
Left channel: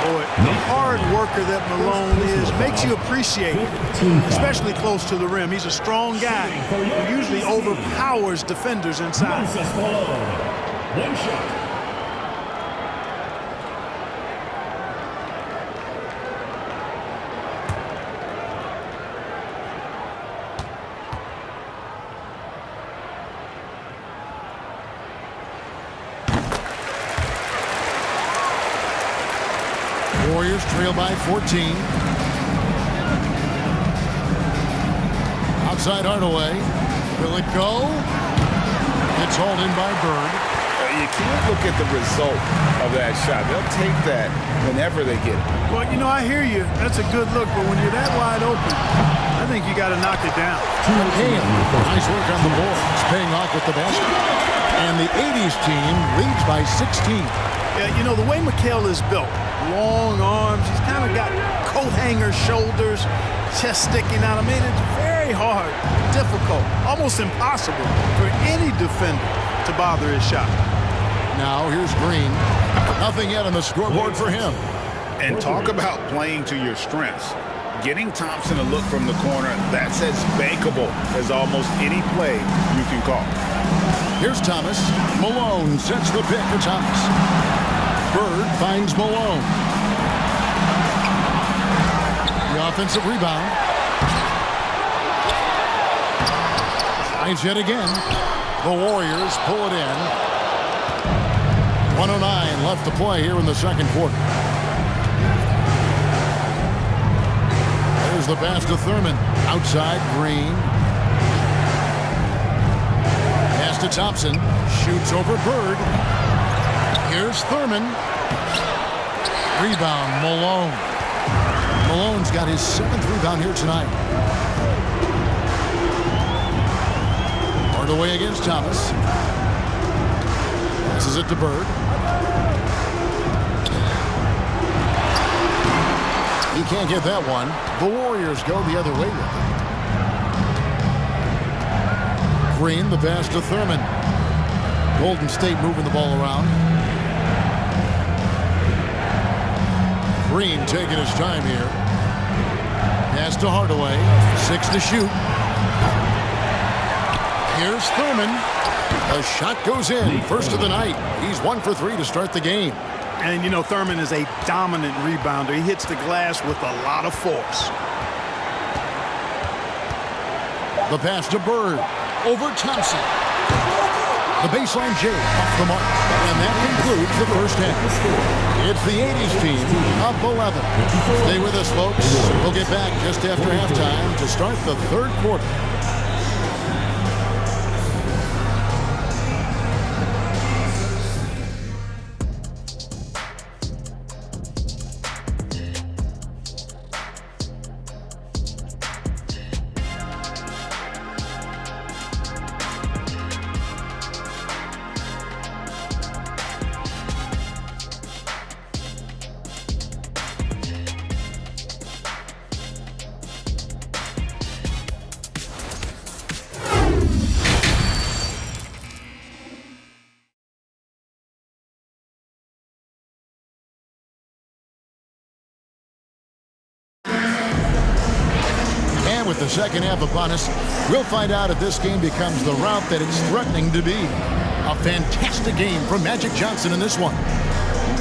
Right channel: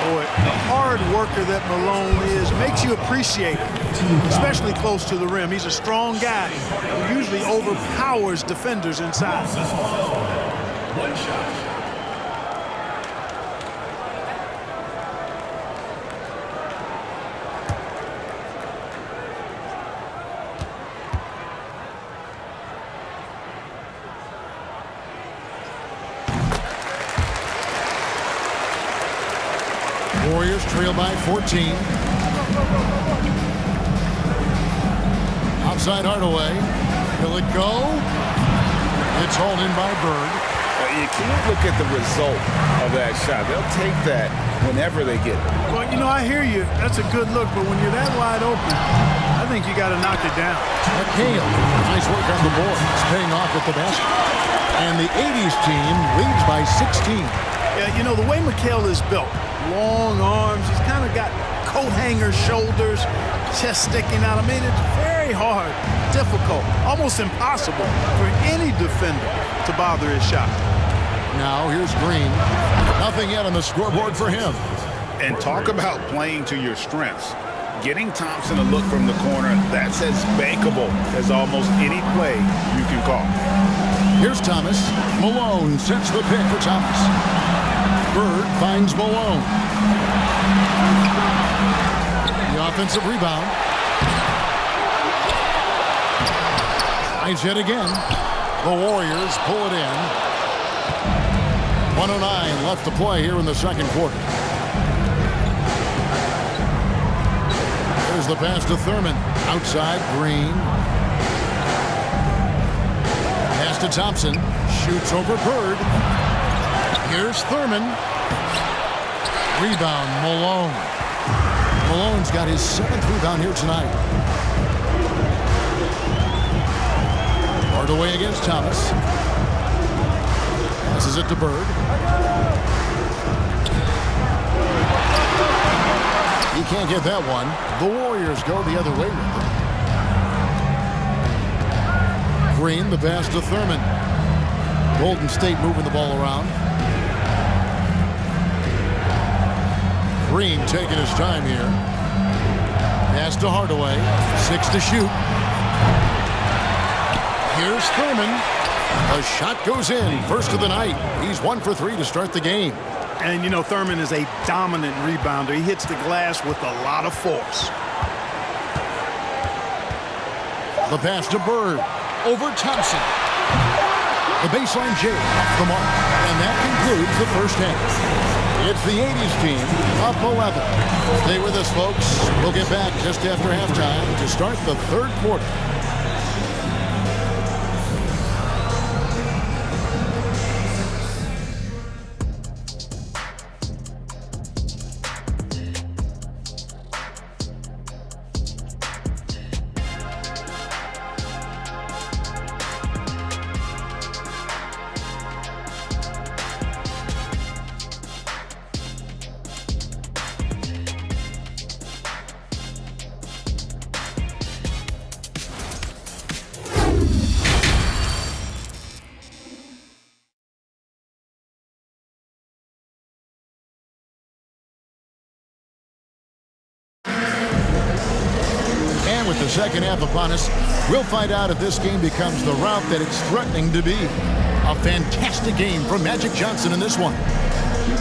Boy, the hard worker that Malone is makes you appreciate it, especially close to the rim. He's a strong guy who usually overpowers defenders inside. One shot. Warriors trail by 14. Outside Hardaway. Will it go? It's hauled in by Bird. You can't look at the result of that shot. They'll take that whenever they get it. Well, you know, I hear you. That's a good look, but when you're that wide open, I think you got to knock it down. McHale. Nice work on the board. It's paying off with the basket. And the 80s team leads by 16. Yeah, you know, the way McHale is built, long arms, he's kind of got coat hanger shoulders, chest sticking out. I mean, it's very hard, difficult, almost impossible for any defender to bother his shot. Now here's Green. Nothing yet on the scoreboard for him. And talk about playing to your strengths. Getting Thompson a look from the corner, that's as bankable as almost any play you can call. Here's Thomas. Malone sets the pick for Thomas. Bird finds Malone. The offensive rebound. Tries yet again. The Warriors pull it in. 1:09 left to play here in the second quarter. There's the pass to Thurman. Outside, Green. Pass to Thompson. Shoots over Bird. Here's Thurman. Rebound, Malone. Malone's got his 7th rebound here tonight. Hardaway against Thomas. Passes it to Bird. He can't get that one. The Warriors go the other way with it. Green, the pass to Thurman. Golden State moving the ball around. Green taking his time here. Pass to Hardaway. 6 to shoot. Here's Thurman. The shot goes in. First of the night. He's 1 for 3 to start the game. And, you know, Thurman is a dominant rebounder. He hits the glass with a lot of force. The pass to Bird. Over Thompson. The baseline J off the mark. And that concludes the first half. It's the 80s team up 11. Stay with us, folks. We'll get back just after halftime to start the third quarter. And with the second half upon us, we'll find out if this game becomes the route that it's threatening to be. A fantastic game from Magic Johnson in this one.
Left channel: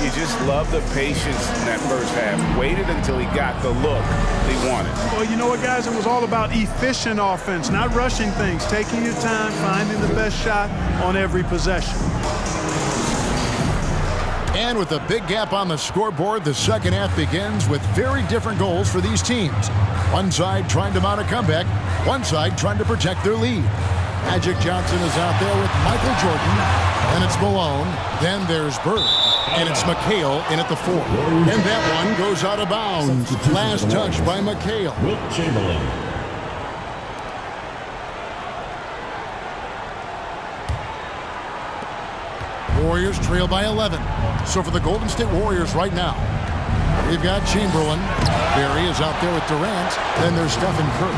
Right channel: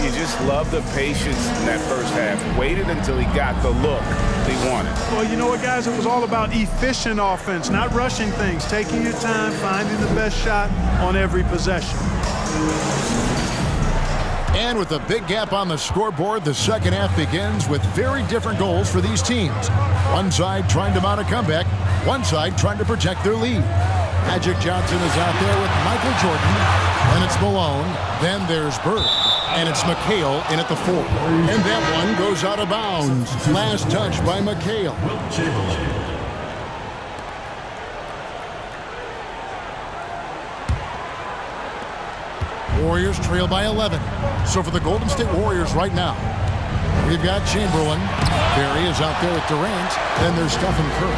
You just love the patience in that first half. Waited until he got the look he wanted. Well, you know what, guys? It was all about efficient offense, not rushing things, taking your time, finding the best shot on every possession. And with a big gap on the scoreboard, the second half begins with very different goals for these teams. One side trying to mount a comeback, one side trying to protect their lead. Magic Johnson is out there with Michael Jordan, then it's Malone, then there's Bird. And it's McHale in at the 4. And that one goes out of bounds. Last touch by McHale. Wilt Chamberlain. Warriors trail by 11. So for the Golden State Warriors right now, we've got Chamberlain. Barry is out there with Durant. Then there's Stephen Curry.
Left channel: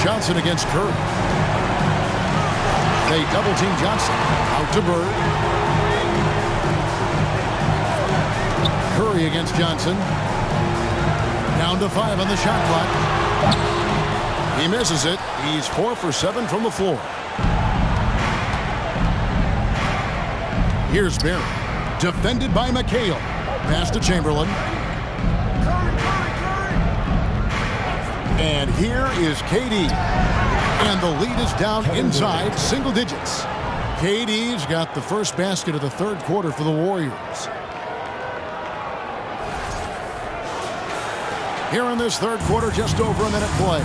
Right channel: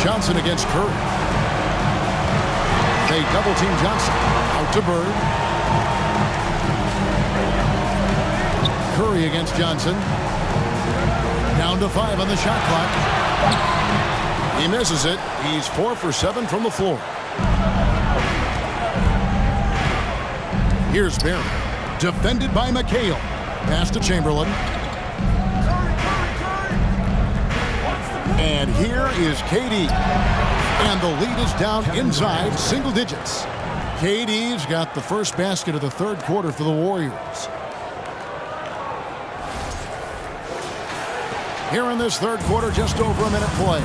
Johnson against Curry. They double-team Johnson. Out to Bird. Curry against Johnson. Down to 5 on the shot clock. He misses it. He's 4 for 7 from the floor. Here's Barry. Defended by McHale. Pass to Chamberlain. And here is KD. And the lead is down inside single digits. KD's got the first basket of the third quarter for the Warriors. Here in this third quarter, just over a minute play.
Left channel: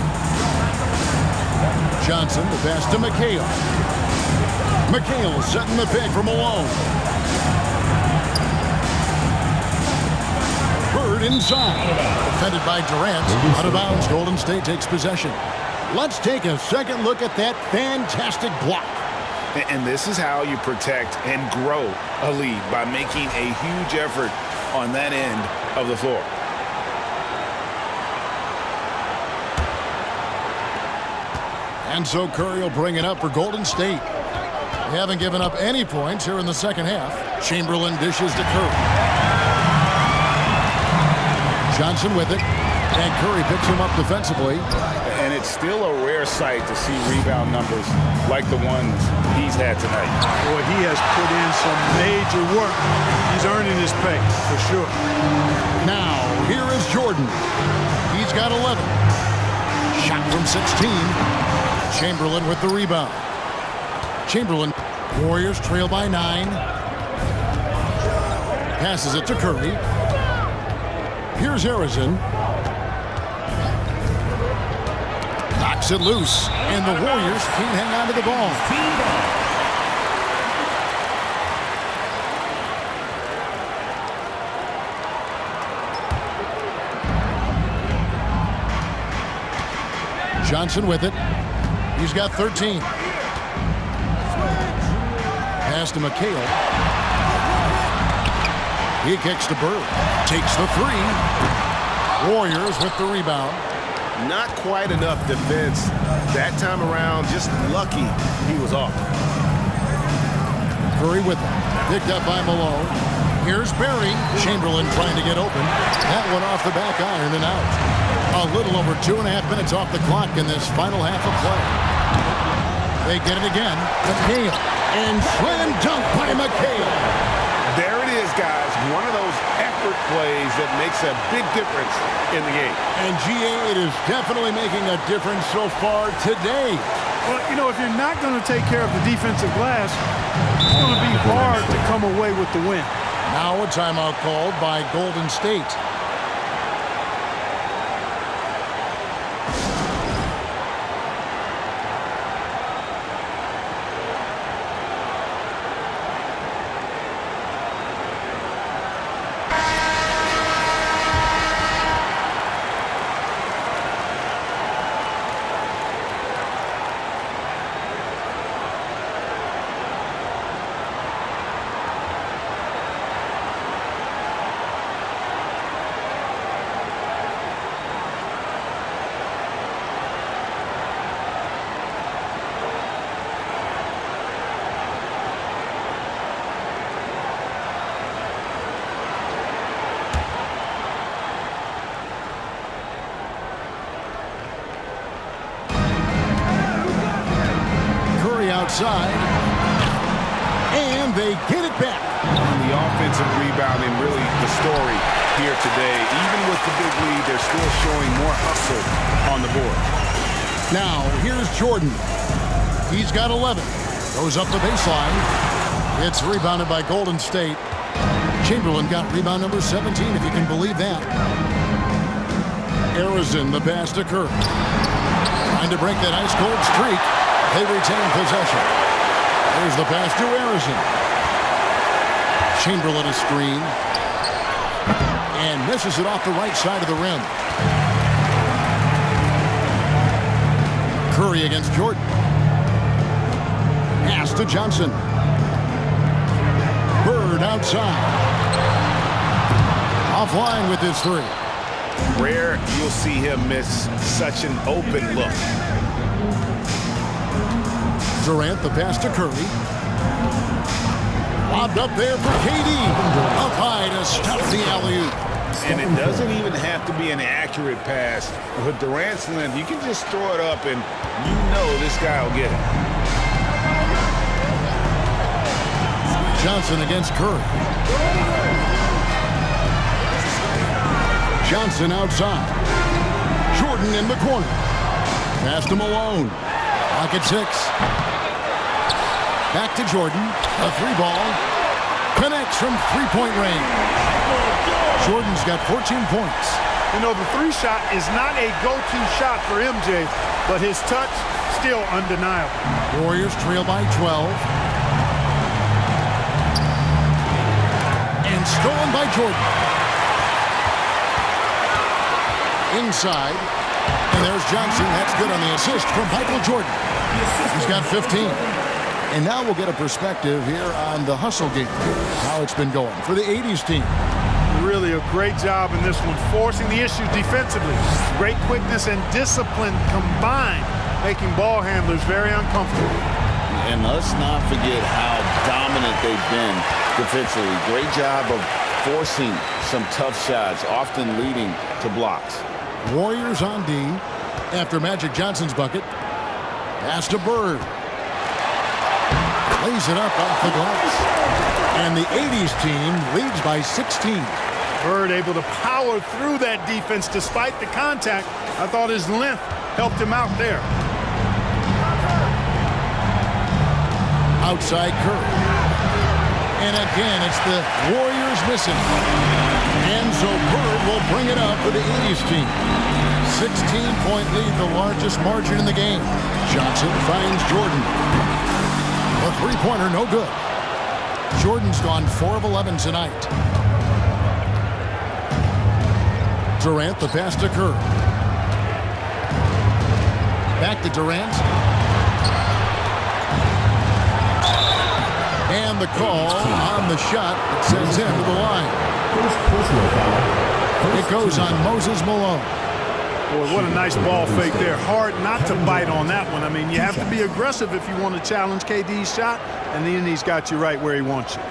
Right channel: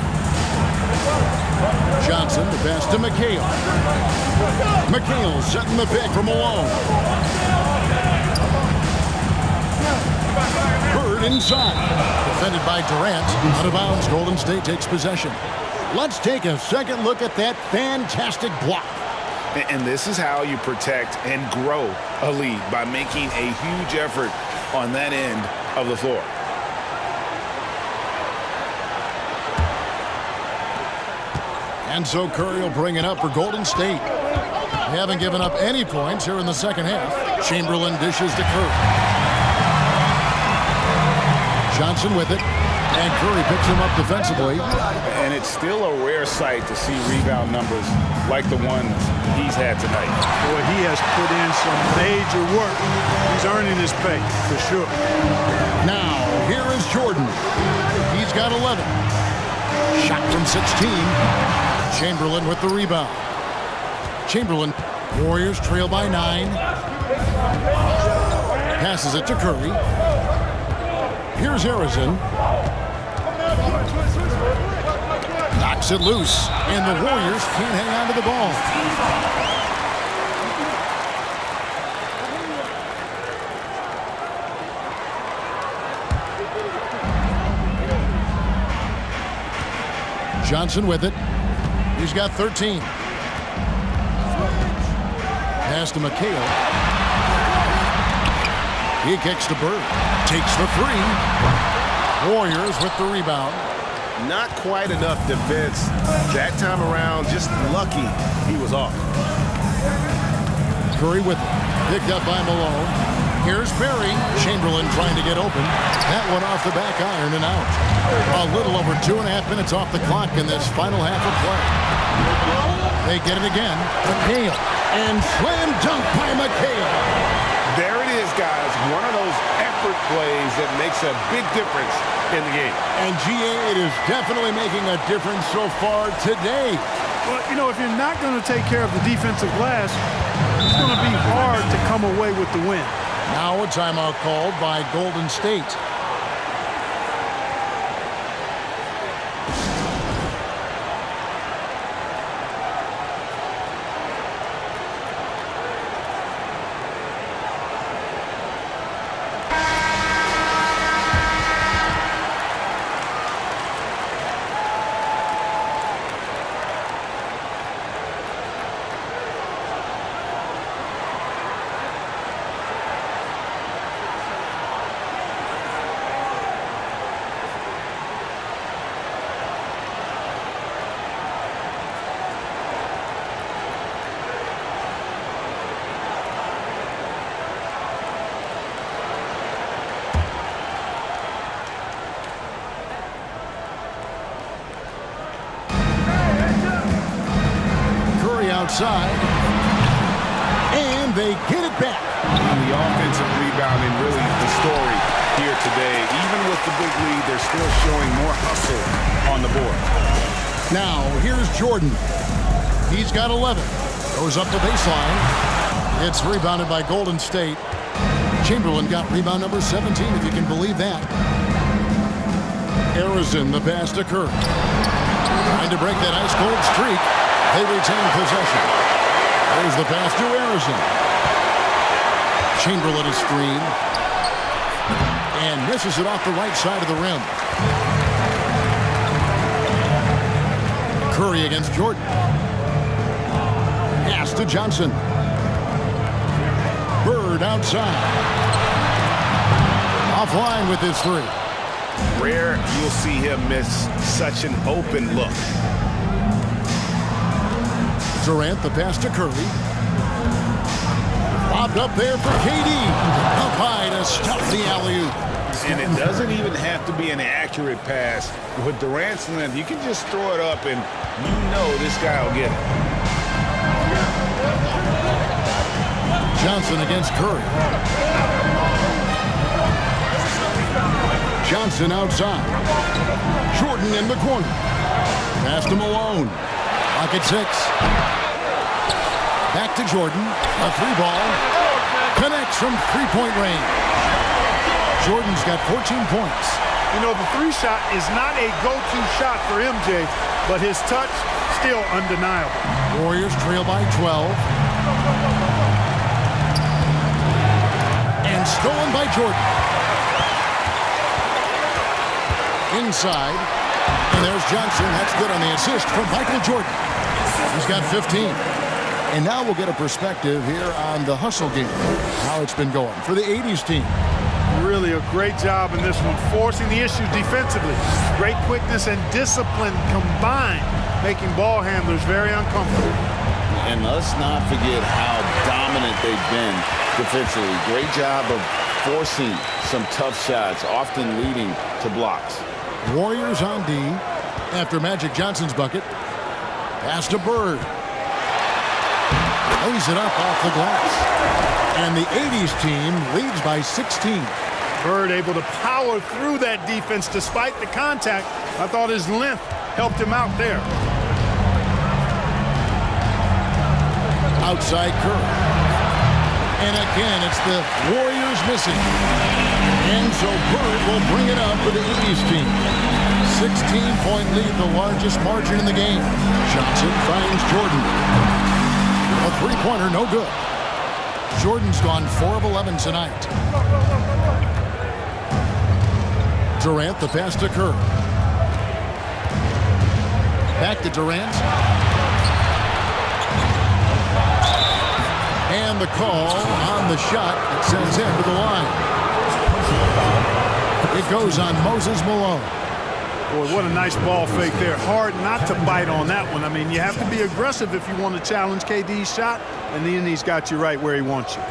Johnson, the pass to McHale. McHale setting the pick for Malone. Bird inside. Defended by Durant. Out of bounds, Golden State takes possession. Let's take a second look at that fantastic block. And this is how you protect and grow a lead, by making a huge effort on that end of the floor. And so Curry will bring it up for Golden State. They haven't given up any points here in the second half. Chamberlain dishes to Curry. Johnson with it. And Curry picks him up defensively. And it's still a rare sight to see rebound numbers like the ones he's had tonight. Boy, he has put in some major work. He's earning his pay, for sure. Now, here is Jordan. He's got 11. Shot from 16. Chamberlain with the rebound. Chamberlain. Warriors trail by 9. Passes it to Curry. Here's Harrison. Knocks it loose. And the Warriors can't hang on to the ball. Johnson with it. He's got 13. Pass to McHale. He kicks to Bird. Takes the 3. Warriors with the rebound. Not quite enough defense that time around. Just lucky he was off. Curry with it. Picked up by Malone. Here's Barry. Chamberlain trying to get open. That one off the back iron and out. A little over 2.5 minutes off the clock in this final half of play. They get it again. McHale. And slam dunk by McHale. There it is, guys. One of those effort plays that makes a big difference in the game. And GA, it is definitely making a difference so far today. Well, you know, if you're not going to take care of the defensive glass, it's going to be hard to come away with the win. Now a timeout called by Golden State. Outside, and they get it back. And the offensive rebounding, really the story here today. Even with the big lead, they're still showing more hustle on the board. Now, here's Jordan. He's got 11. Goes up the baseline. It's rebounded by Golden State. Chamberlain got rebound number 17, if you can believe that. Harrison, the pass to Curry. Trying to break that ice-cold streak. They retain possession. Here's the pass to Harrison. Chamberlain a screen. And misses it off the right side of the rim. Curry against Jordan. Pass to Johnson. Bird outside. Offline with his three. Rare you'll see him miss such an open look. Durant the pass to Curry. Lobbed up there for KD. Up high to stuff the alley-oop. And it doesn't even have to be an accurate pass. With Durant's length, you can just throw it up and you know this guy will get it. Johnson against Curry. Johnson outside. Jordan in the corner. Pass to Malone. Clock at 6. Back to Jordan. A three ball. Connects from three-point range. Jordan's got 14 points. You know, the three shot is not a go-to shot for MJ, but his touch still undeniable. Warriors trail by 12. And stolen by Jordan. Inside. And there's Johnson. That's good on the assist from Michael Jordan. He's got 15. And now we'll get a perspective here on the hustle game, how it's been going for the 80's team. Really a great job in this one, forcing the issue defensively. Great quickness and discipline combined, making ball handlers very uncomfortable. And let's not forget how dominant they've been defensively. Great job of forcing some tough shots, often leading to blocks. Warriors on D after Magic Johnson's bucket. Pass to Bird. Lays it up off the glass. And the 80's team leads by 16. Bird able to power through that defense despite the contact. I thought his length helped him out there. Outside Curry. And again, it's the Warriors missing. And so Bird will bring it up for the 80's team. 16-point lead, the largest margin in the game. Johnson finds Jordan. A three-pointer, no good. Jordan's gone 4 of 11 tonight. Durant, the pass to Curry. Back to Durant. And the call on the shot that sends him to the line. It goes on Moses Malone. Boy, what a nice ball fake there. Hard not to bite on that one. I mean, you have to be aggressive if you want to challenge KD's shot, and then he's got you right where he wants you.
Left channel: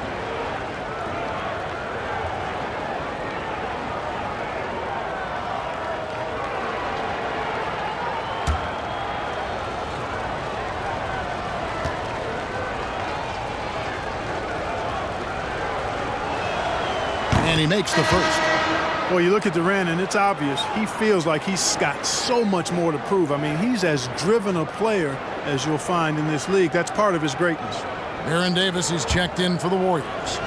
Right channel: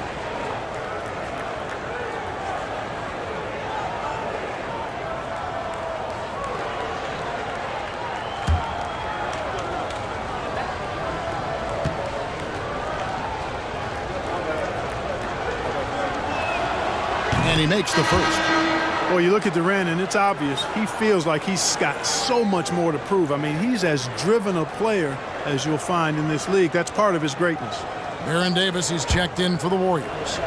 And he makes the first. Well, you look at Durant, and it's obvious. He feels like he's got so much more to prove. I mean, he's as driven a player as you'll find in this league. That's part of his greatness. Baron Davis is checked in for the Warriors.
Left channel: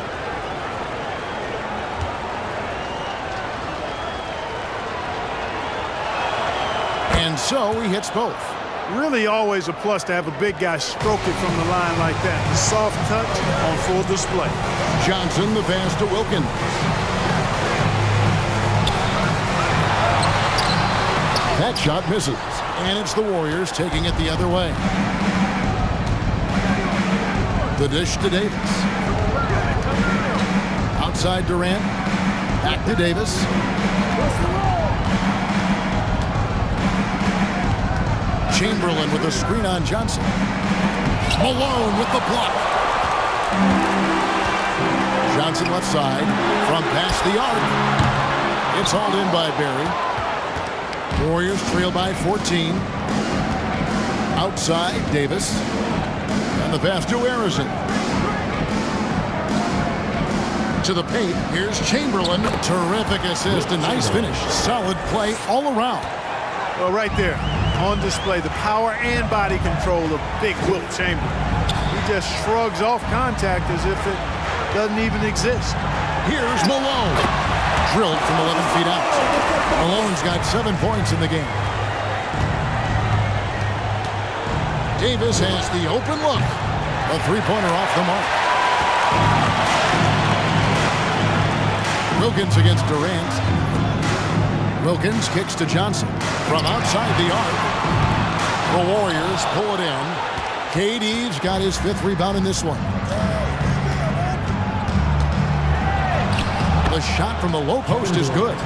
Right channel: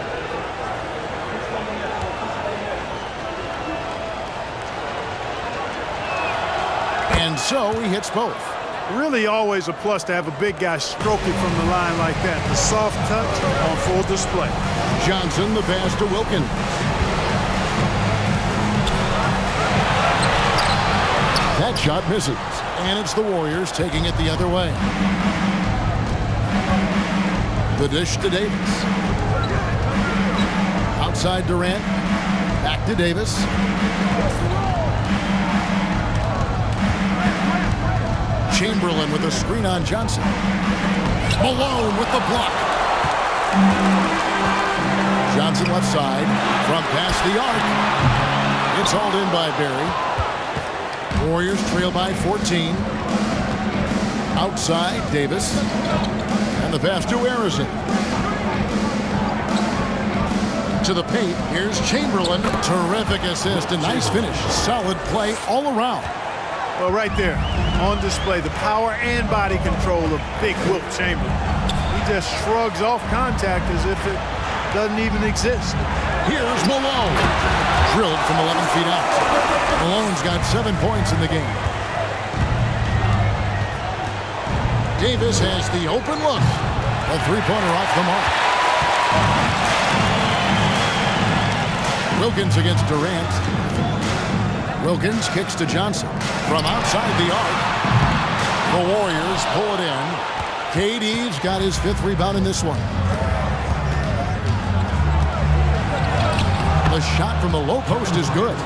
And so he hits both. Really always a plus to have a big guy stroke it from the line like that. The soft touch on full display. Johnson, the pass to Wilkins. That shot misses, and it's the Warriors taking it the other way. The dish to Davis. Outside Durant. Back to Davis. Chamberlain with a screen on Johnson. Malone with the block. Johnson left side from past the arc. It's hauled in by Barry. Warriors trail by 14. Outside, Davis. And the pass to Harrison. To the paint, here's Chamberlain. Terrific assist, a nice finish. Solid play all around. Well, right there, on display, the power and body control of big Wilt Chamberlain. He just shrugs off contact as if it doesn't even exist. Here's Malone. Drilled from 11 feet out. Malone's got 7 points in the game. Davis has the open look. A three-pointer off the mark. Wilkins against Durant. Wilkins kicks to Johnson from outside the arc. The Warriors pull it in. KD's got his 5th rebound in this one. The shot from the low post is good.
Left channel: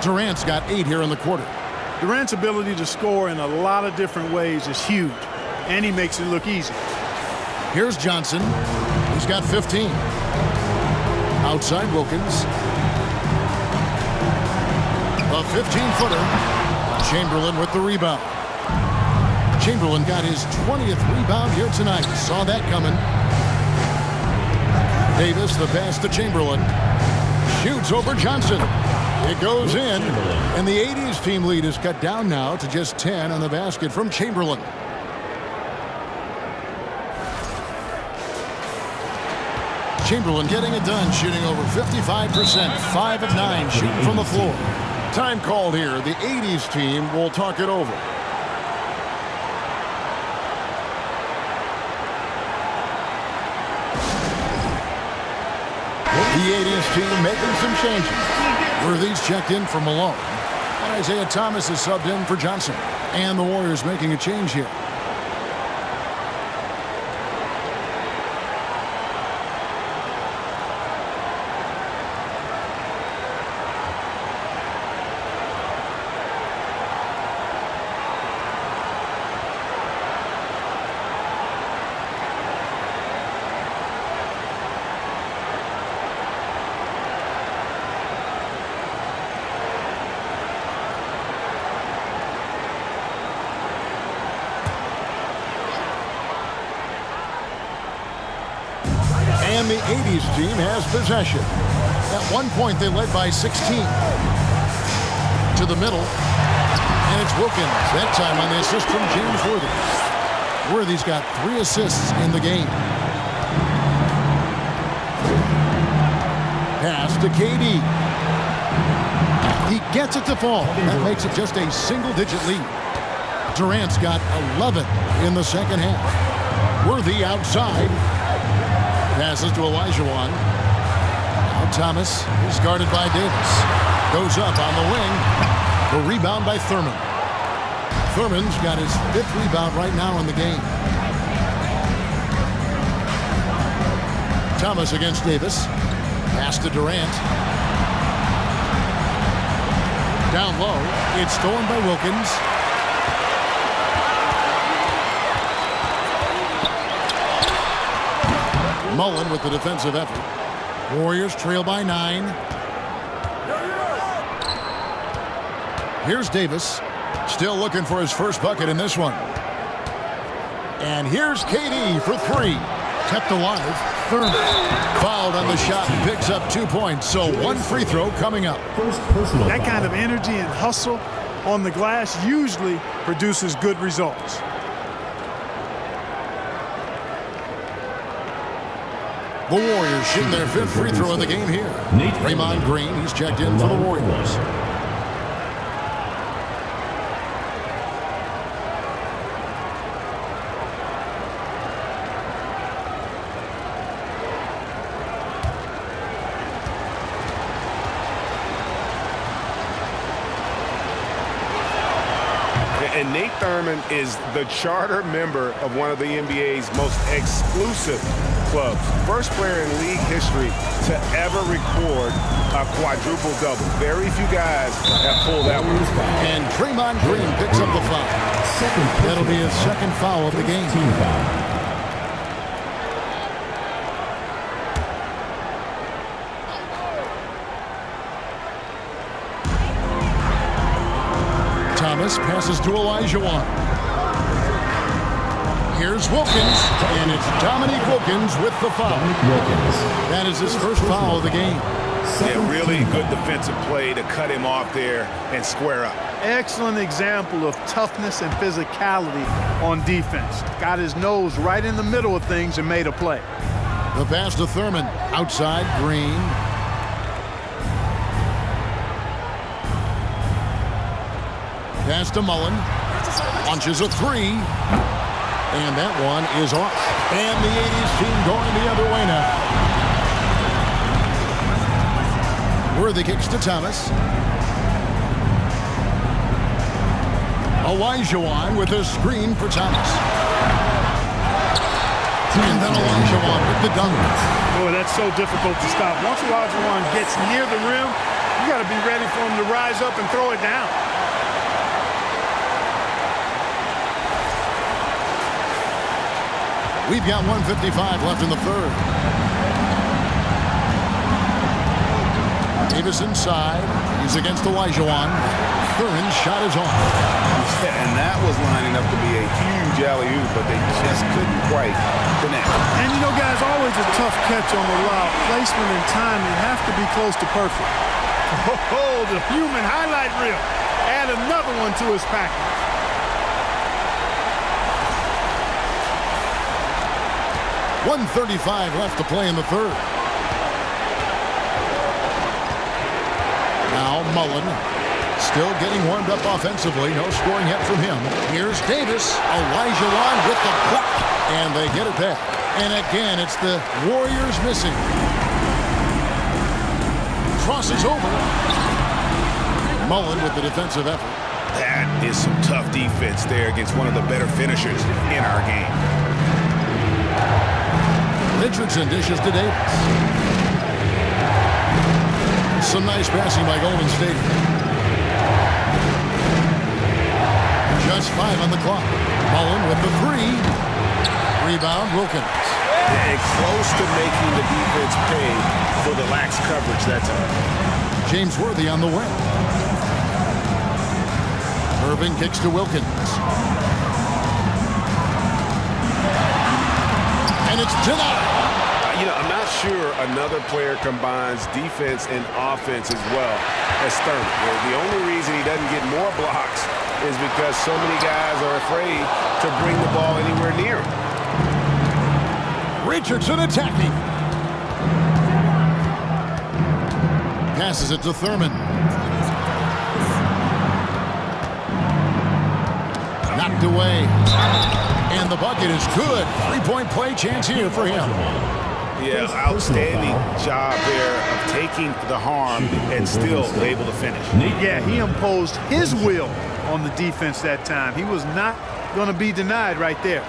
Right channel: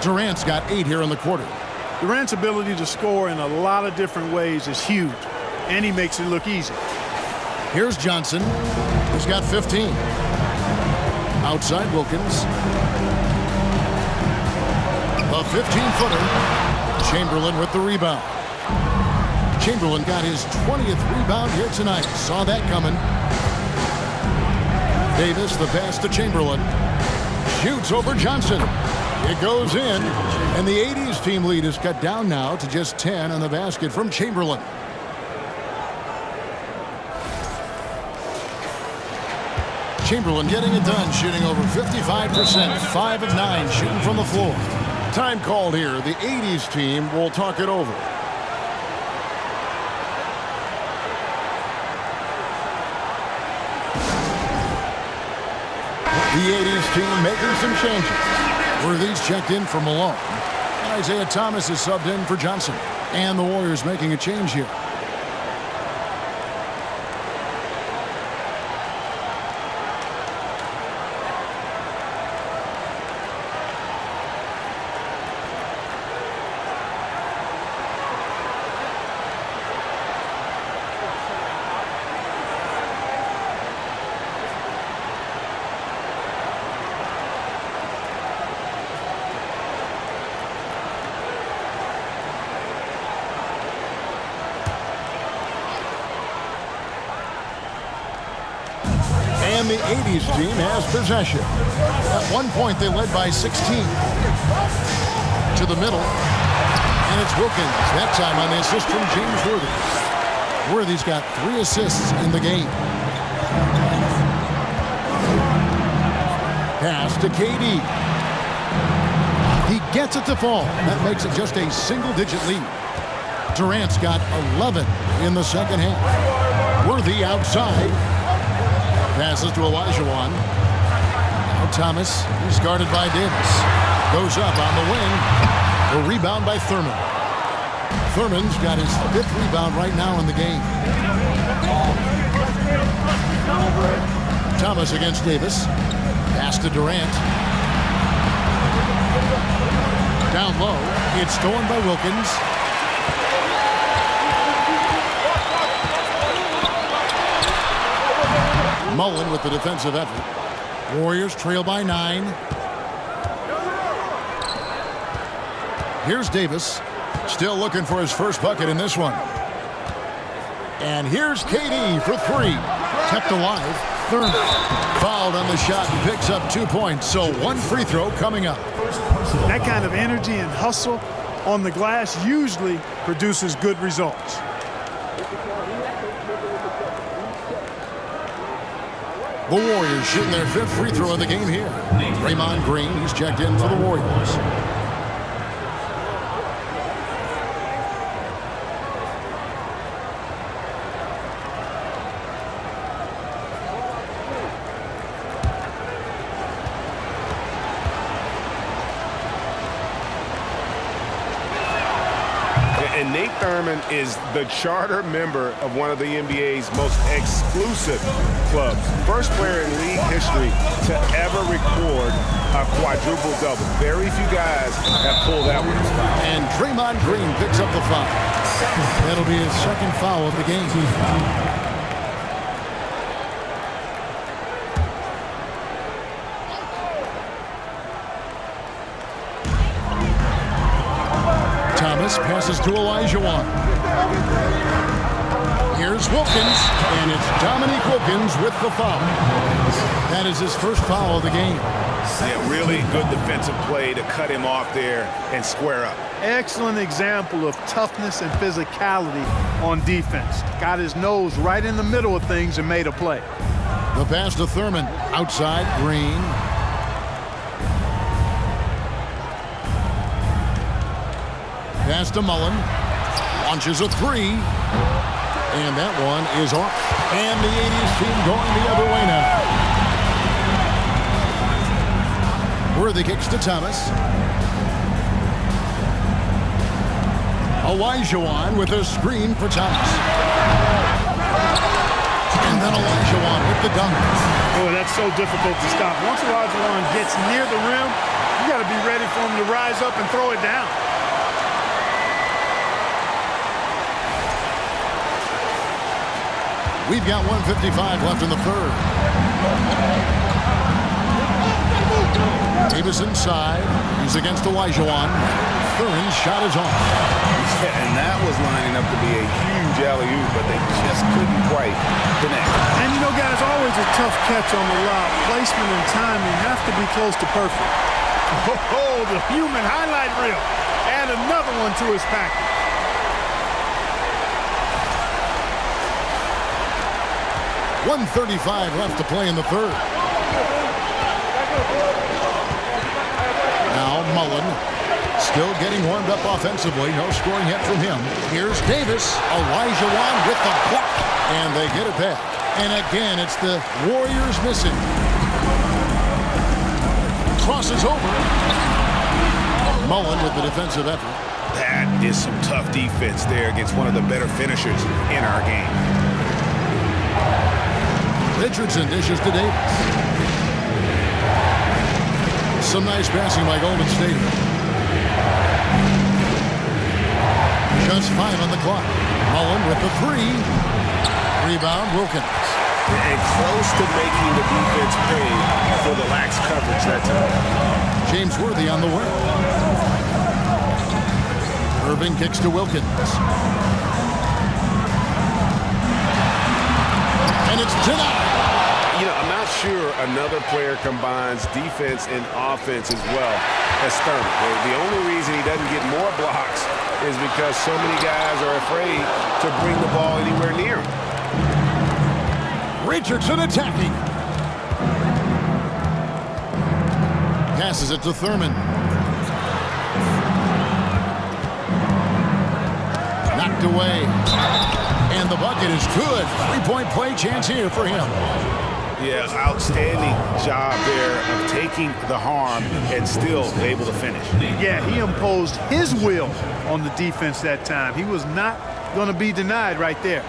Durant's got 8 here in the quarter. Durant's ability to score in a lot of different ways is huge, and he makes it look easy. Here's Johnson. He's got 15. Outside Wilkins. A 15-footer. Chamberlain with the rebound. Chamberlain got his 20th rebound here tonight. Saw that coming. Davis, the pass to Chamberlain. Shoots over Johnson. It goes in, and the 80's team lead is cut down now to just 10 on the basket from Chamberlain. Chamberlain getting it done, shooting over 55%, 5 of 9 shooting from the floor. Time called here. The 80's team will talk it over. The 80's team making some changes. Worthy's checked in for Malone, and Isaiah Thomas is subbed in for Johnson. And the Warriors making a change here. And the 80's team has possession. At one point, they led by 16. To the middle. And it's Wilkins, that time on the assist from James Worthy. Worthy's got 3 assists in the game. Pass to KD. He gets it to fall. That makes it just a single-digit lead. Durant's got 11 in the second half. Worthy outside. Passes to Olajuwon. Now Thomas is guarded by Davis. Goes up on the wing. The rebound by Thurman. Thurman's got his 5th rebound right now in the game. Thomas against Davis. Pass to Durant. Down low. It's stolen by Wilkins. Mullen with the defensive effort. Warriors trail by 9. Here's Davis. Still looking for his first bucket in this one. And here's KD for 3. Kept alive. Thurman fouled on the shot and picks up 2 points. So 1 free throw coming up. That kind of energy and hustle on the glass usually produces good results. The Warriors shooting their 5th free throw of the game here. Draymond Green, he's checked in for the Warriors. And Nate Thurman is the charter member of one of the NBA's most exclusive clubs. First player in league history to ever record a quadruple-double. Very few guys have pulled that one. And Draymond Green picks up the foul. That'll be his 2nd foul of the game. Thomas passes to Olajuwon. Here's Wilkins, and it's Dominique Wilkins with the foul. That is his first foul of the game. Yeah, really good defensive play to cut him off there and square up. Excellent example of toughness and physicality on defense. Got his nose right in the middle of things and made a play. The pass to Thurman. Outside, Green. Pass to Mullen. Launches a 3. And that one is off. And the 80s team going the other way now. Worthy kicks to Thomas. Olajuwon with a screen for Thomas. And then Olajuwon with the dunk. Boy, that's so difficult to stop. Once Olajuwon gets near the rim, you got to be ready for him to rise up and throw it down. We've got 1:55 left in the third. Davis inside. He's against Olajuwon. Thurin's shot is off. Yeah, and that was lining up to be a huge alley-oop, but they just couldn't quite connect. And you know, guys, always a tough catch on the lob. Placement and timing have to be close to perfect. Oh, the human highlight reel. Add another one to his package. .135 left to play in the third. Now Mullen still getting warmed up offensively. No scoring yet from him. Here's Davis. Olajuwon with the block. And they get it back. And again, it's the Warriors missing. Crosses over. Mullen with the defensive effort. That is some tough defense there against one of the better finishers in our game. Richardson dishes to Davis. Some nice passing by Golden State. Just 5 on the clock. Mullen with the 3. Rebound, Wilkins. And close to making the defense pay for the lax coverage that time. James Worthy on the wing. Irving kicks to Wilkins. And it's denied. You know, I'm not sure another player combines defense and offense as well as Thurman. The only reason he doesn't get more blocks is because so many guys are afraid to bring the ball anywhere near him. Richardson attacking. Passes it to Thurman. Knocked away. And the bucket is good. 3-point play chance here for him. Yeah, outstanding job there of taking the harm and still able to finish. Yeah, he imposed his will on the defense that time. He was not going to be denied right there.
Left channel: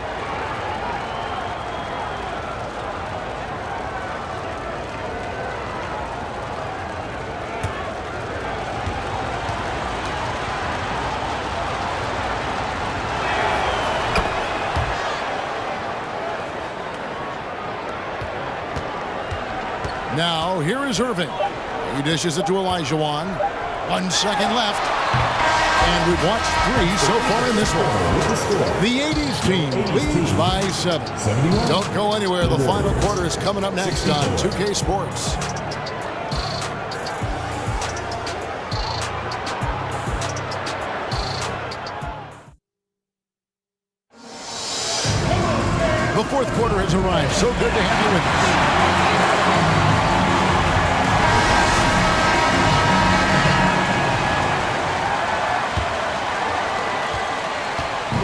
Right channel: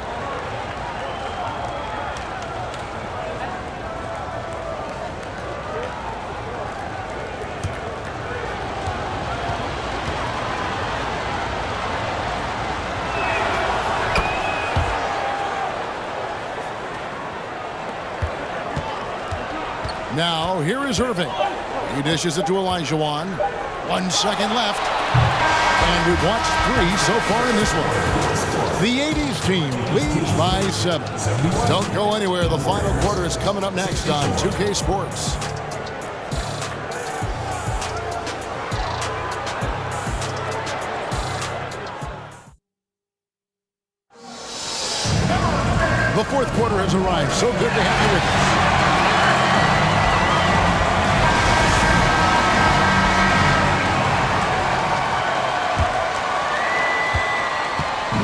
Now, here is Irving. He dishes it to Olajuwon. 1 second left. And we've watched 3 so far in this one. The 80s team leads by 7. Don't go anywhere. The final quarter is coming up next on 2K Sports. The fourth quarter has arrived. So good to have you with us.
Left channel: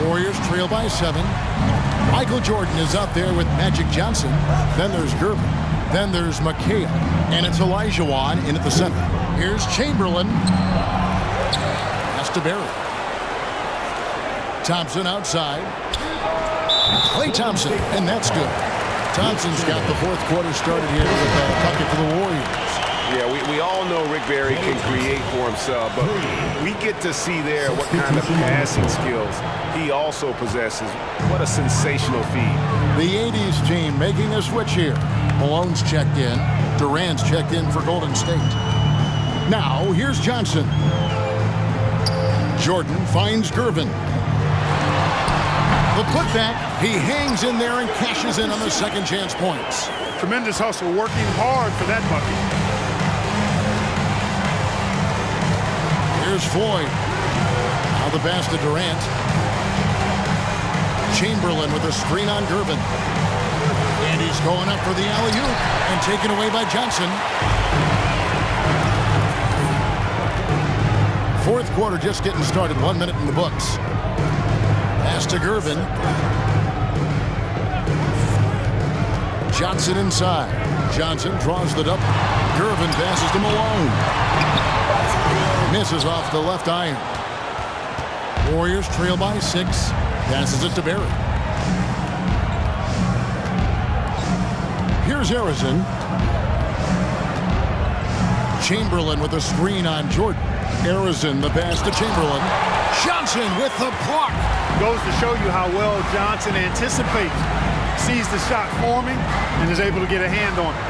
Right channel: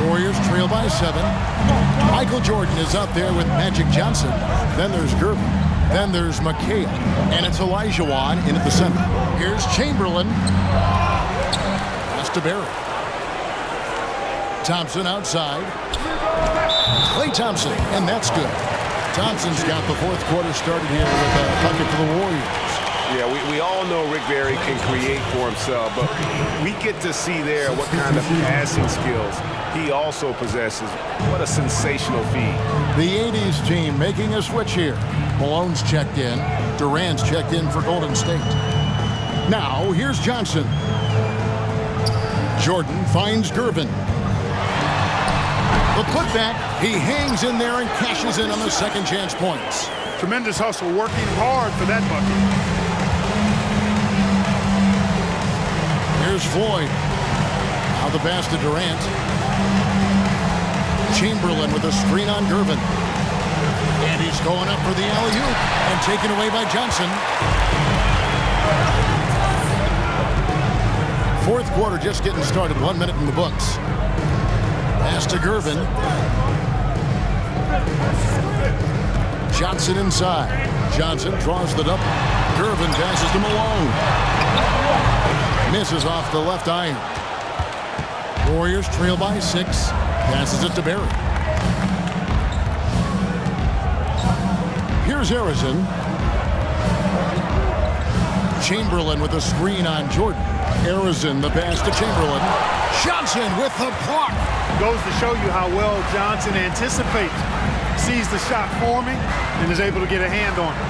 Warriors trail by 7. Michael Jordan is out there with Magic Johnson. Then there's Gervin. Then there's McHale. And it's Olajuwon in at the center. Here's Chamberlain. Pass to Barry. Thompson outside. Klay Thompson, and that's good. Thompson's got the fourth quarter started here with a bucket for the Warriors. Yeah, we all know Rick Barry can create for himself, but we get to see there what kind of passing skills he also possesses. What a sensational feed. The 80s team making a switch here. Malone's checked in. Durant's checked in for Golden State. Now, here's Johnson. Jordan finds Gervin. The putback, he hangs in there and cashes in on the second chance points. Tremendous hustle, working hard for that bucket. Here's Floyd. Now the pass to Durant. Chamberlain with a screen on Gervin. And he's going up for the alley-oop and taken away by Johnson. Fourth quarter just getting started. 1 minute in the books. Pass to Gervin. Johnson inside. Johnson draws the double. Gervin passes to Malone. Misses off the left iron. Warriors trail by 6. Passes it to Barry. Here's Harrison. Chamberlain with a screen on Jordan. Harrison, the pass to Chamberlain. Johnson with the block. Goes to show you how well Johnson anticipates. Sees the shot forming and is able to get a hand on it.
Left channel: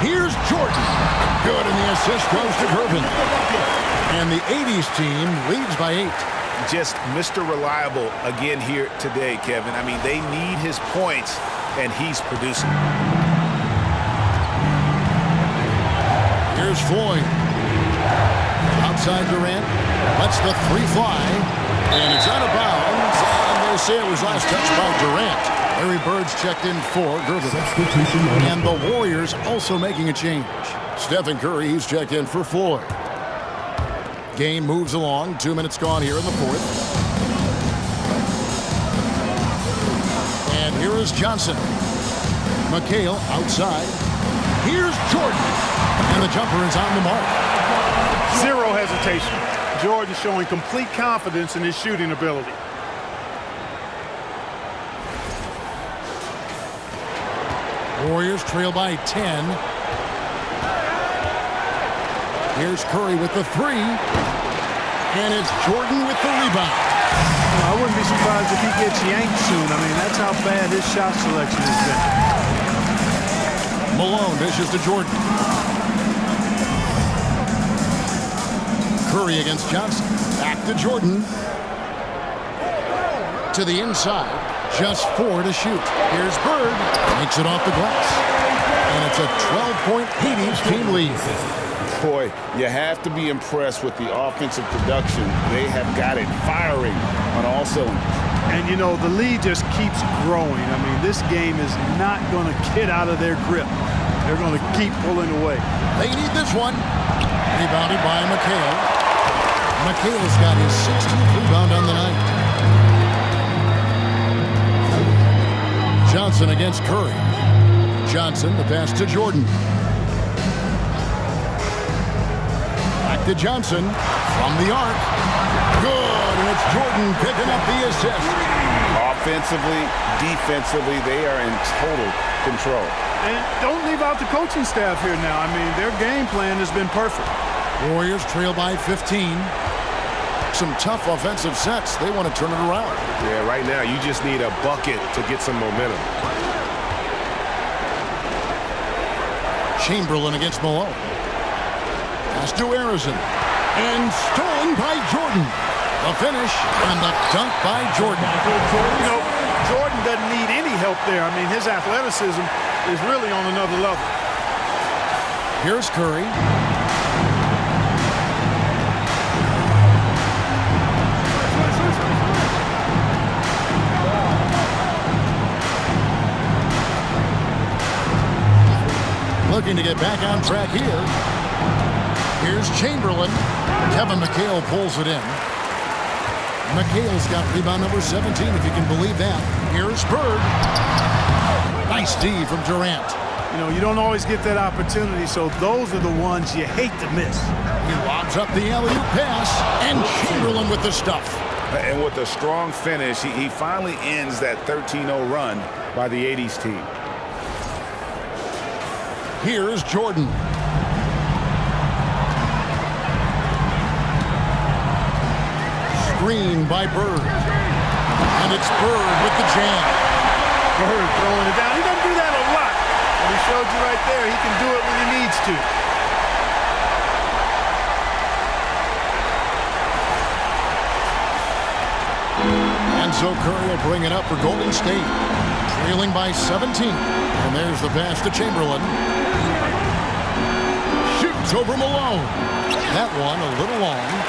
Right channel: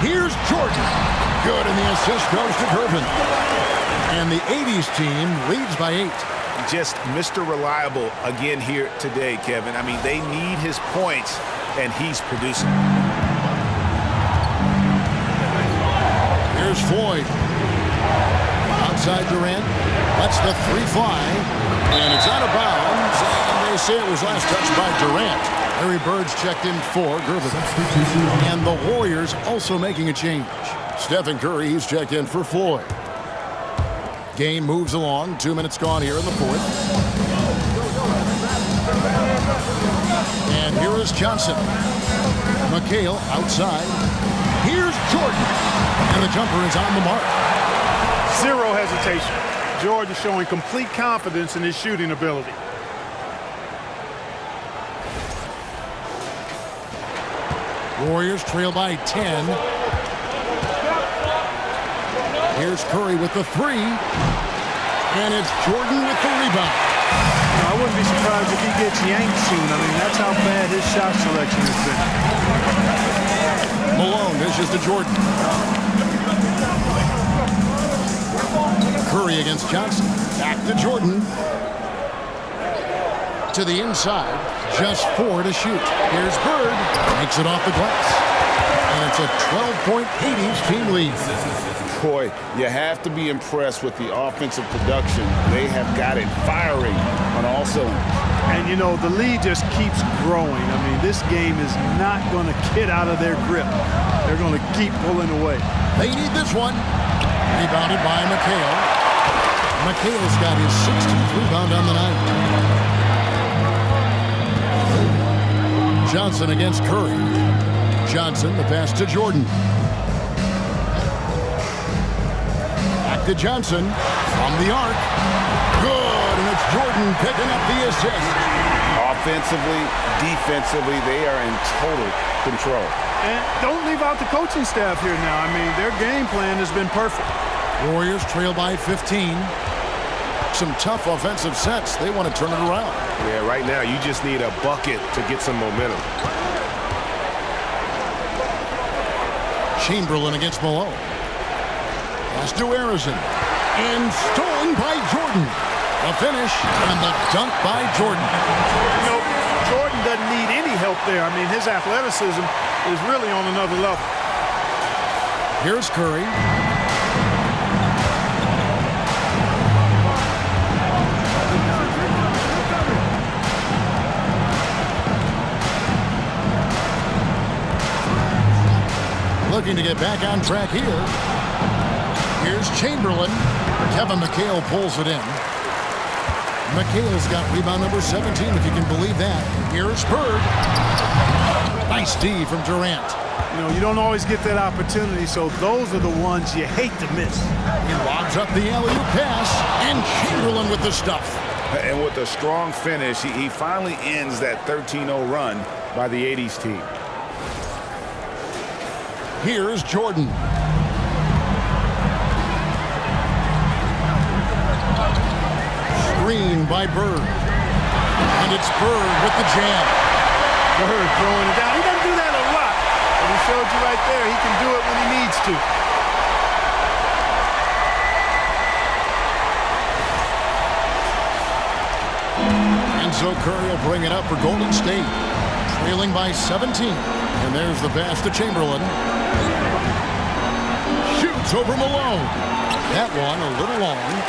Here's Jordan. Good, and the assist goes to Gervin. And the 80's team leads by 8. Just Mr. Reliable again here today, Kevin. I mean, they need his points, and he's producing. Here's Floyd. Outside Durant. Lets the 3 fly. And it's out of bounds. And they say it was last touched by Durant. Larry Bird's checked in for Gervin. And the Warriors also making a change. Stephen Curry, he's checked in for Floyd. Game moves along. 2 minutes gone here in the 4th. And here is Johnson. McHale outside. Here's Jordan. And the jumper is on the mark. Zero hesitation. Jordan showing complete confidence in his shooting ability. Warriors trail by 10. Here's Curry with the 3. And it's Jordan with the rebound. You know, I wouldn't be surprised if he gets yanked soon. I mean, that's how bad his shot selection has been. Malone dishes to Jordan. Curry against Johnson. Back to Jordan. To the inside. Just 4 to shoot. Here's Bird. Makes it off the glass. And it's a 12-point 80's team lead. Boy, you have to be impressed with the offensive production. They have got it firing on all cylinders. And, you know, the lead just keeps growing. I mean, this game is not going to get out of their grip. They're going to keep pulling away. They need this one. Rebounded by McHale. McHale's got his 16th rebound on the night. Johnson against Curry. Johnson, the pass to Jordan. Back to Johnson from the arc. Good, and it's Jordan picking up the assist. Offensively, defensively, they are in total control. And don't leave out the coaching staff here now. I mean, their game plan has been perfect. Warriors trail by 15. Some tough offensive sets. They want to turn it around. Yeah, right now you just need a bucket to get some momentum. Chamberlain against Malone. Pass to Harrison. And stolen by Jordan. The finish and the dunk by Jordan. You know, Jordan doesn't need any help there. I mean, his athleticism is really on another level. Here's Curry. Looking to get back on track here. Here's Chamberlain. Kevin McHale pulls it in. McHale's got rebound number 17, if you can believe that. Here's Bird. Nice D from Durant. You know, you don't always get that opportunity, so those are the ones you hate to miss. He lobs up the alley-oop pass, and Chamberlain with the stuff. And with a strong finish, he finally ends that 13-0 run by the 80's team. Here's Jordan. Screen by Bird. And it's Bird with the jam. Bird throwing it down. He doesn't do that a lot, but he showed you right there he can do it when he needs to. And so Curry will bring it up for Golden State. Trailing by 17. And there's the pass to Chamberlain. Shoots over Malone. That one a little long.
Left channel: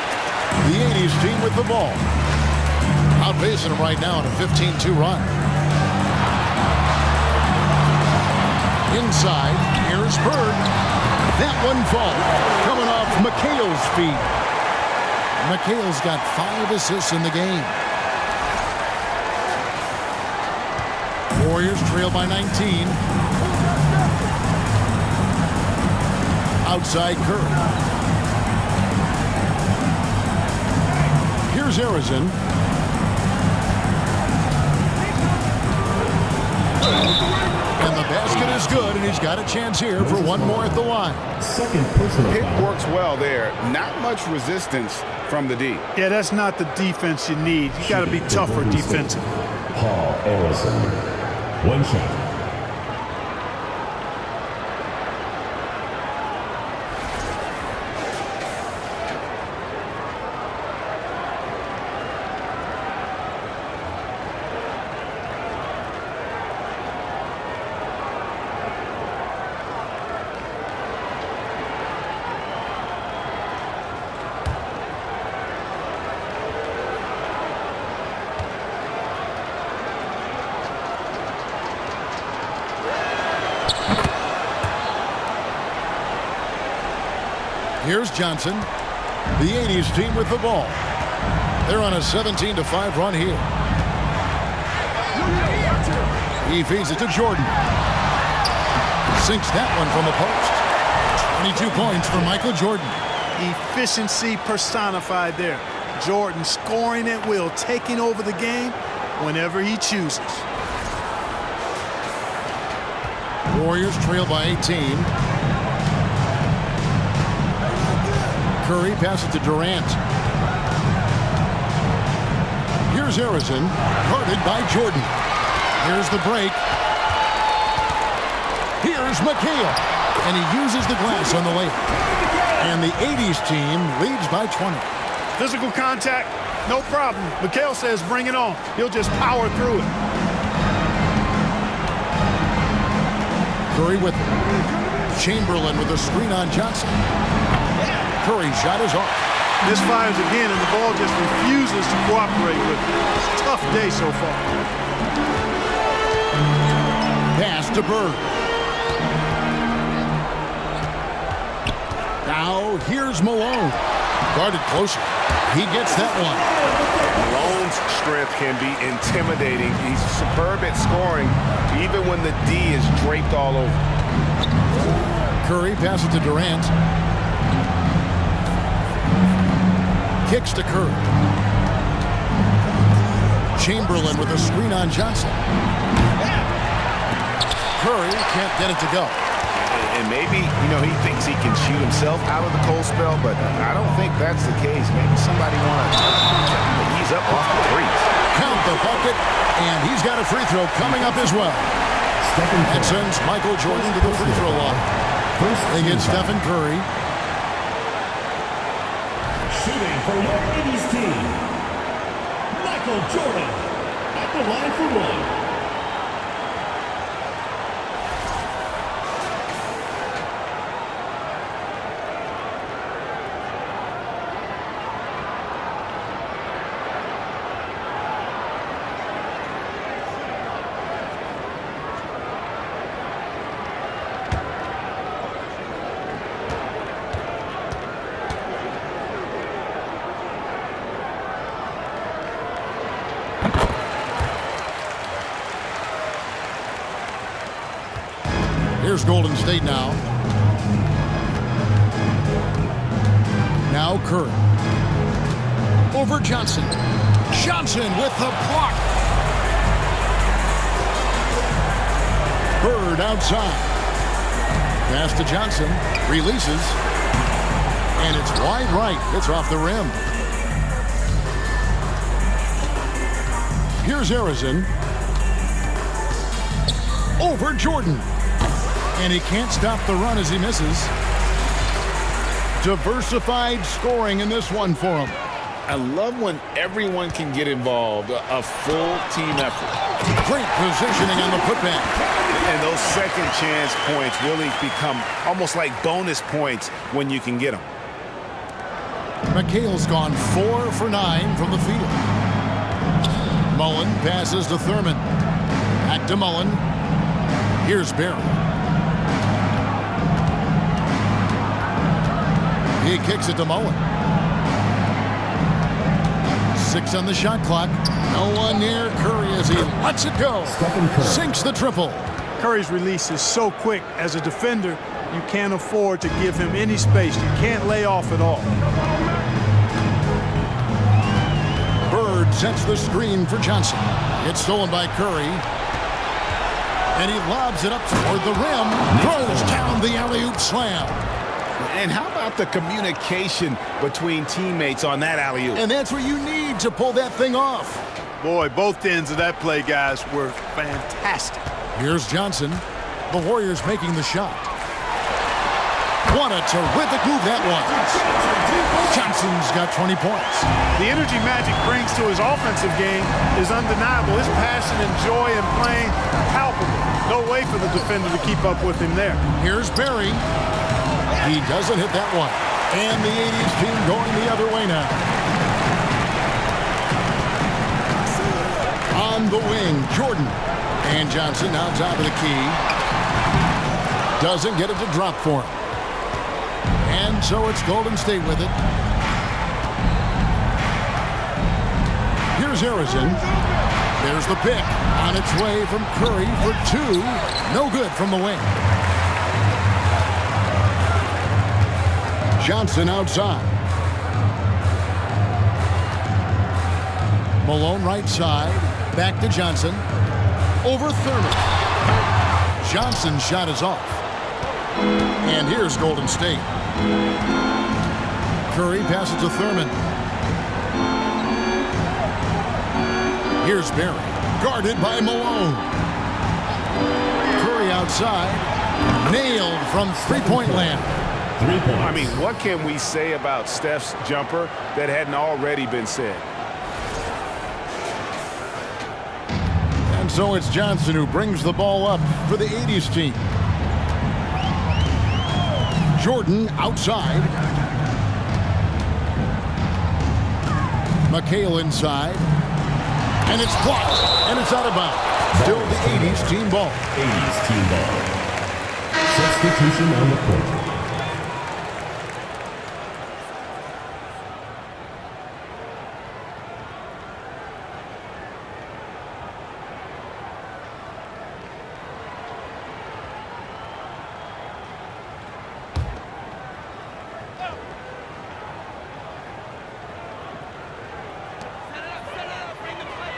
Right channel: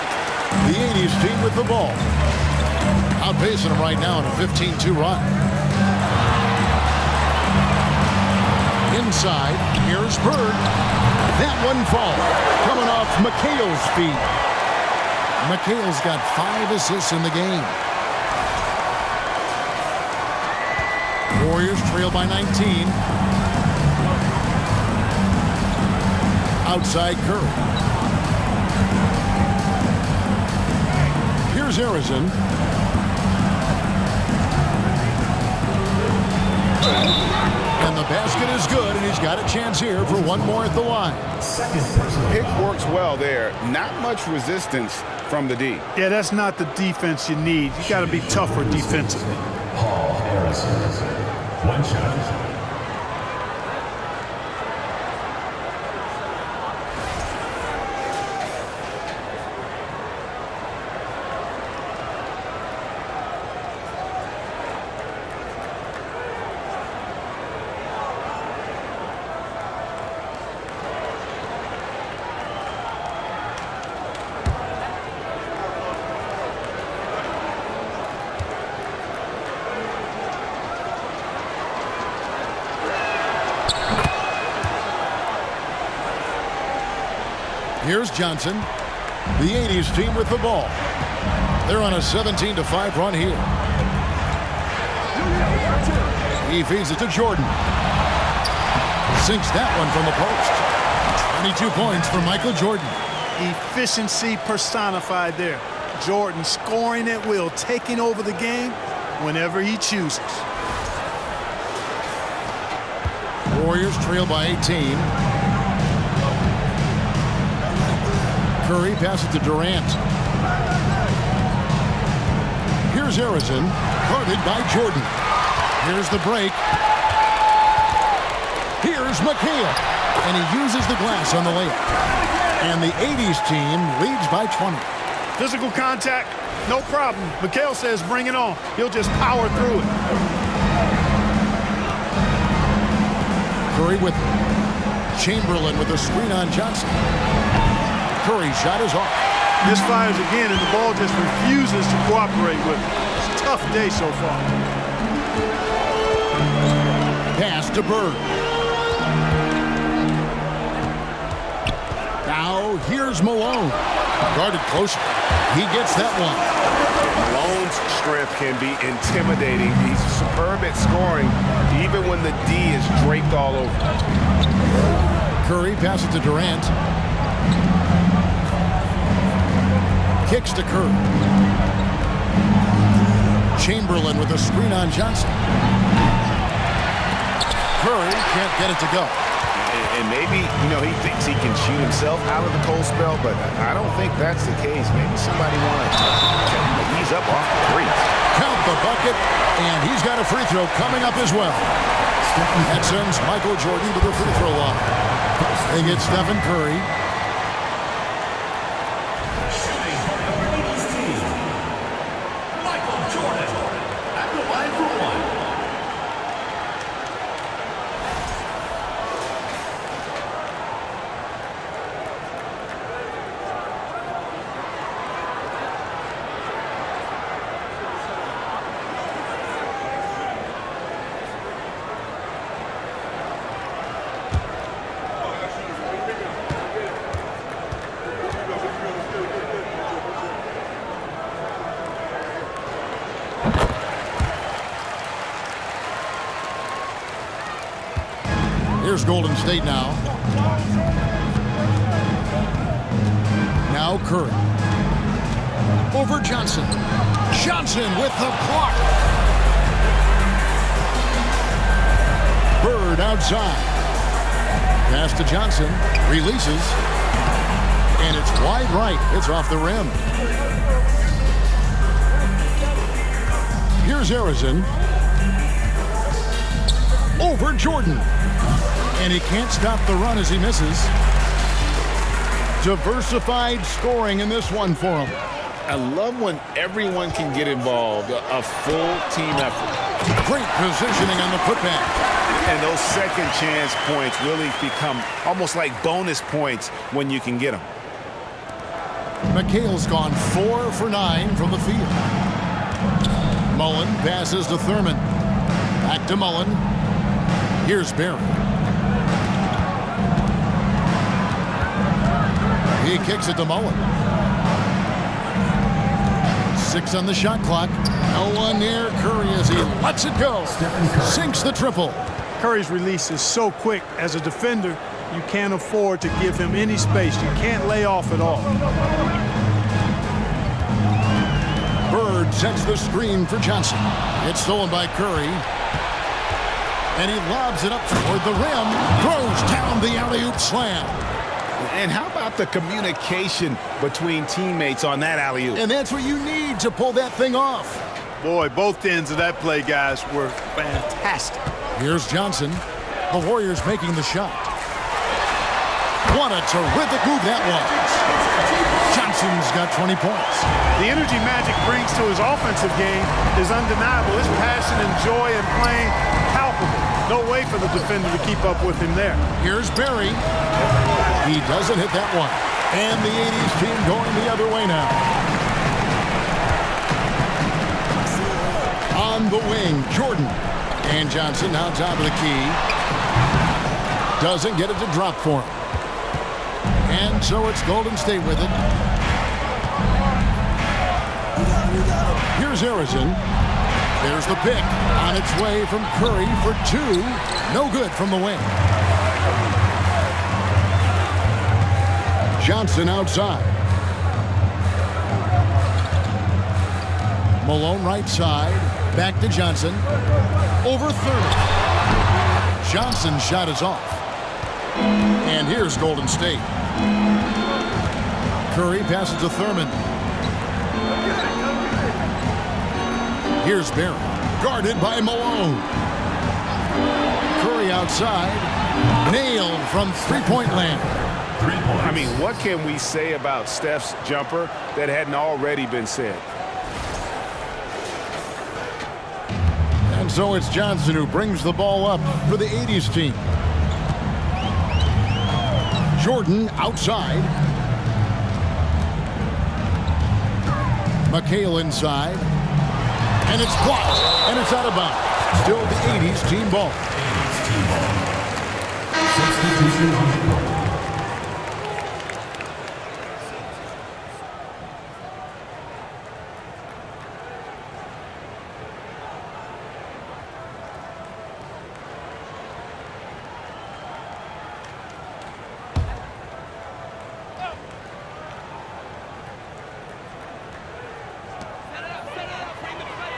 The 80's team with the ball. Outpacing them right now in a 15-2 run. Inside, here's Bird. That one falls. Coming off McHale's feet. McHale's got 5 assists in the game. Warriors trail by 19. Outside Curry. Here's Harrison. And the basket is good, and he's got a chance here for one more at the line. Second personal Pick foul. works well there. Not much resistance from the D. Yeah, that's not the defense you need. You got to be tougher defensively. Paul Harrison. One shot. Here's Johnson. The 80s team with the ball. They're on a 17-5 run here. He feeds it to Jordan. Sinks that one from the post. 22 points for Michael Jordan. Efficiency personified there. Jordan scoring at will, taking over the game whenever he chooses. Warriors trail by 18. Curry passes it to Durant. Here's Harrison, guarded by Jordan. Here's the break. Here's McHale, and he uses the glass on the layup. And the 80s team leads by 20. Physical contact, no problem. McHale says bring it on. He'll just power through it. Curry with it. Chamberlain with a screen on Johnson. Curry's shot is off. Misfires again, and the ball just refuses to cooperate with it. It's a tough day so far. Pass to Bird. Now here's Malone. Guarded closer. He gets that one. Malone's strength can be intimidating. He's superb at scoring, even when the D is draped all over. Curry passes to Durant. Kicks to Curry. Chamberlain with a screen on Johnson. Curry can't get it to go. And maybe, he thinks he can shoot himself out of the cold spell, but I don't think that's the case. Maybe somebody want to tell him to ease up off the threes. Count the bucket, and he's got a free throw coming up as well. That sends Michael Jordan to the free throw line. They get Stephen Curry. Shooting for your 80s team, Michael Jordan at the line for one. Here's Golden State now. Now Curry. Over Johnson. Johnson with the block. Bird outside. Pass to Johnson. Releases. And it's wide right. It's off the rim. Here's Harrison. Over Jordan. And he can't stop the run as he misses. Diversified scoring in this one for him. I love when everyone can get involved, a full team effort. Great positioning on the putback. And those second chance points really become almost like bonus points when you can get them. McHale's gone 4 for 9 from the field. Mullen passes to Thurman. Back to Mullen. Here's Barry. He kicks it to Mullen. 6 on the shot clock. No one near Curry as he lets it go. Sinks the triple. Curry's release is so quick. As a defender, you can't afford to give him any space. You can't lay off at all. Bird sets the screen for Johnson. It's stolen by Curry. And he lobs it up toward the rim. Throws down the alley-oop slam. And how about the communication between teammates on that alley-oop? And that's what you need to pull that thing off. Boy, both ends of that play, guys, were fantastic. Here's Johnson. The Warriors making the shot. What a terrific move that was. Johnson's got 20 points. The energy Magic brings to his offensive game is undeniable. His passion and joy in playing, palpable. No way for the defender to keep up with him there. Here's Barry. He doesn't hit that one. And the 80s team going the other way now. On the wing, Jordan. And Johnson now top of the key. Doesn't get it to drop for him. And so it's Golden State with it. Here's Harrison. There's the pick. On its way from Curry for 2. No good from the wing. Johnson outside. Malone right side. Back to Johnson. Over Thurman. Johnson's shot is off. And here's Golden State. Curry passes to Thurman. Here's Barry. Guarded by Malone. Curry outside. Nailed from three-point land. 3 points. I mean, what can we say about Steph's jumper that hadn't already been said? And so it's Johnson who brings the ball up for the 80s team. Jordan outside. McHale inside. And it's blocked. And it's out of bounds. Still the 80s team ball. 80s team ball. Substitution on the court.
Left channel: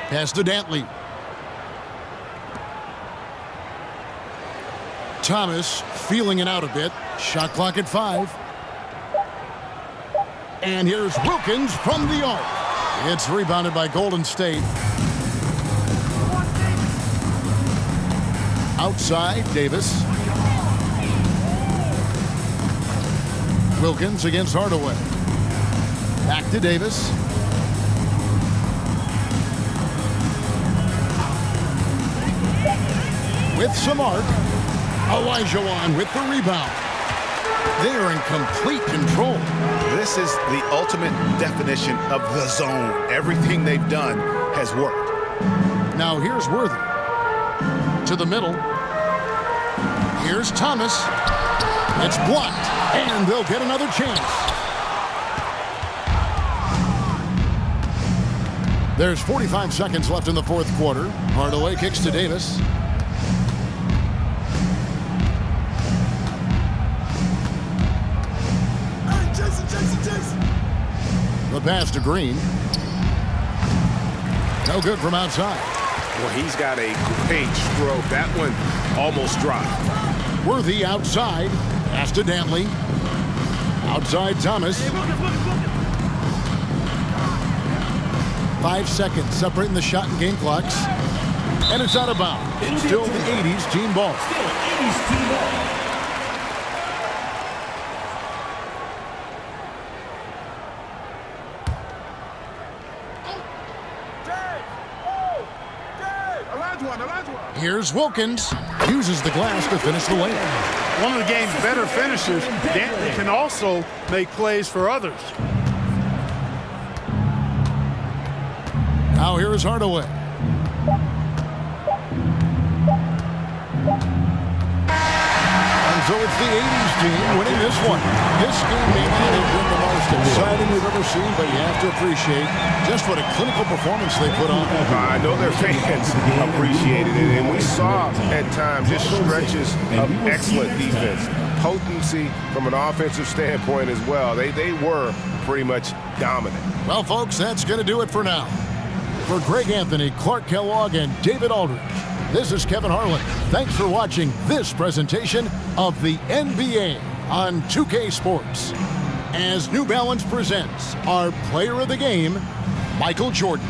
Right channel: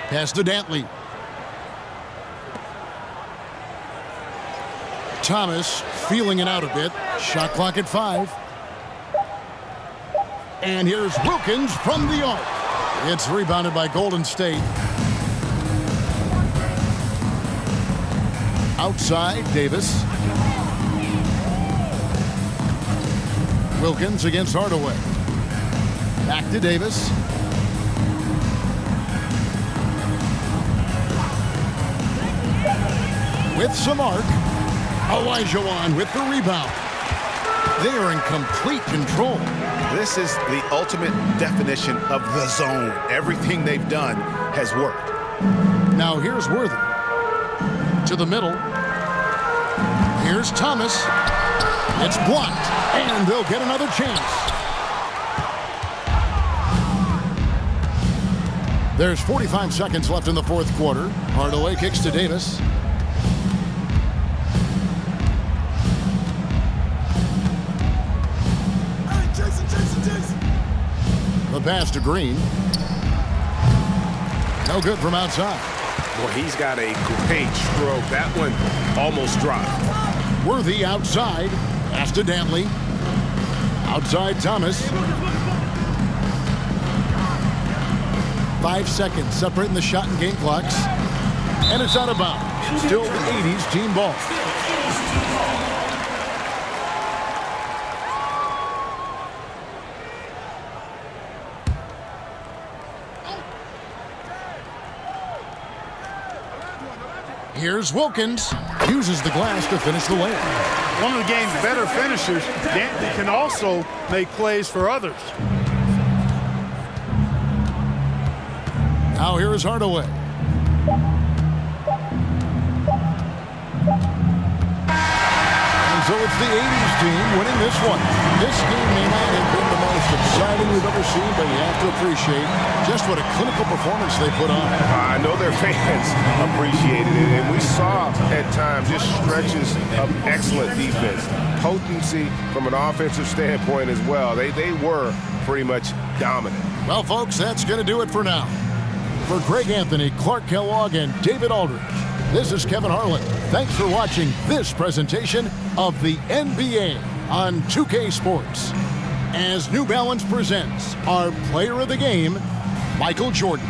Pass to Dantley. Thomas feeling it out a bit. Shot clock at 5. And here's Wilkins from the arc. It's rebounded by Golden State. Outside, Davis. Wilkins against Hardaway. Back to Davis. With some arc, Olajuwon with the rebound. They are in complete control. This is the ultimate definition of the zone. Everything they've done has worked. Now here's Worthy. To the middle. Here's Thomas. It's blocked, and they'll get another chance. There's 45 seconds left in the fourth quarter. Hardaway kicks to Davis. The pass to Green. No good from outside. Boy, he's got a great stroke. That one almost dropped. Worthy outside. Pass to Dantley. Outside Thomas. 5 seconds separating the shot and game clocks. And it's out of bounds. It's still the 80s team ball. Here's Wilkins. Uses the glass to finish the layup. One of the game's better finishers, Dantley can also make plays for others. Now here is Hardaway. And And so it's the 80s team winning this one. This game may not have been the most exciting we've ever seen, but you have to appreciate just what a clinical performance they put on. I know their fans appreciated it, and we saw at times just stretches of excellent defense, potency from an offensive standpoint as well. They were pretty much dominant. Well, folks, that's going to do it for now. For Greg Anthony, Clark Kellogg, and David Aldridge, this is Kevin Harlan. Thanks for watching this presentation of the NBA on 2K Sports. As New Balance presents our player of the game, Michael Jordan.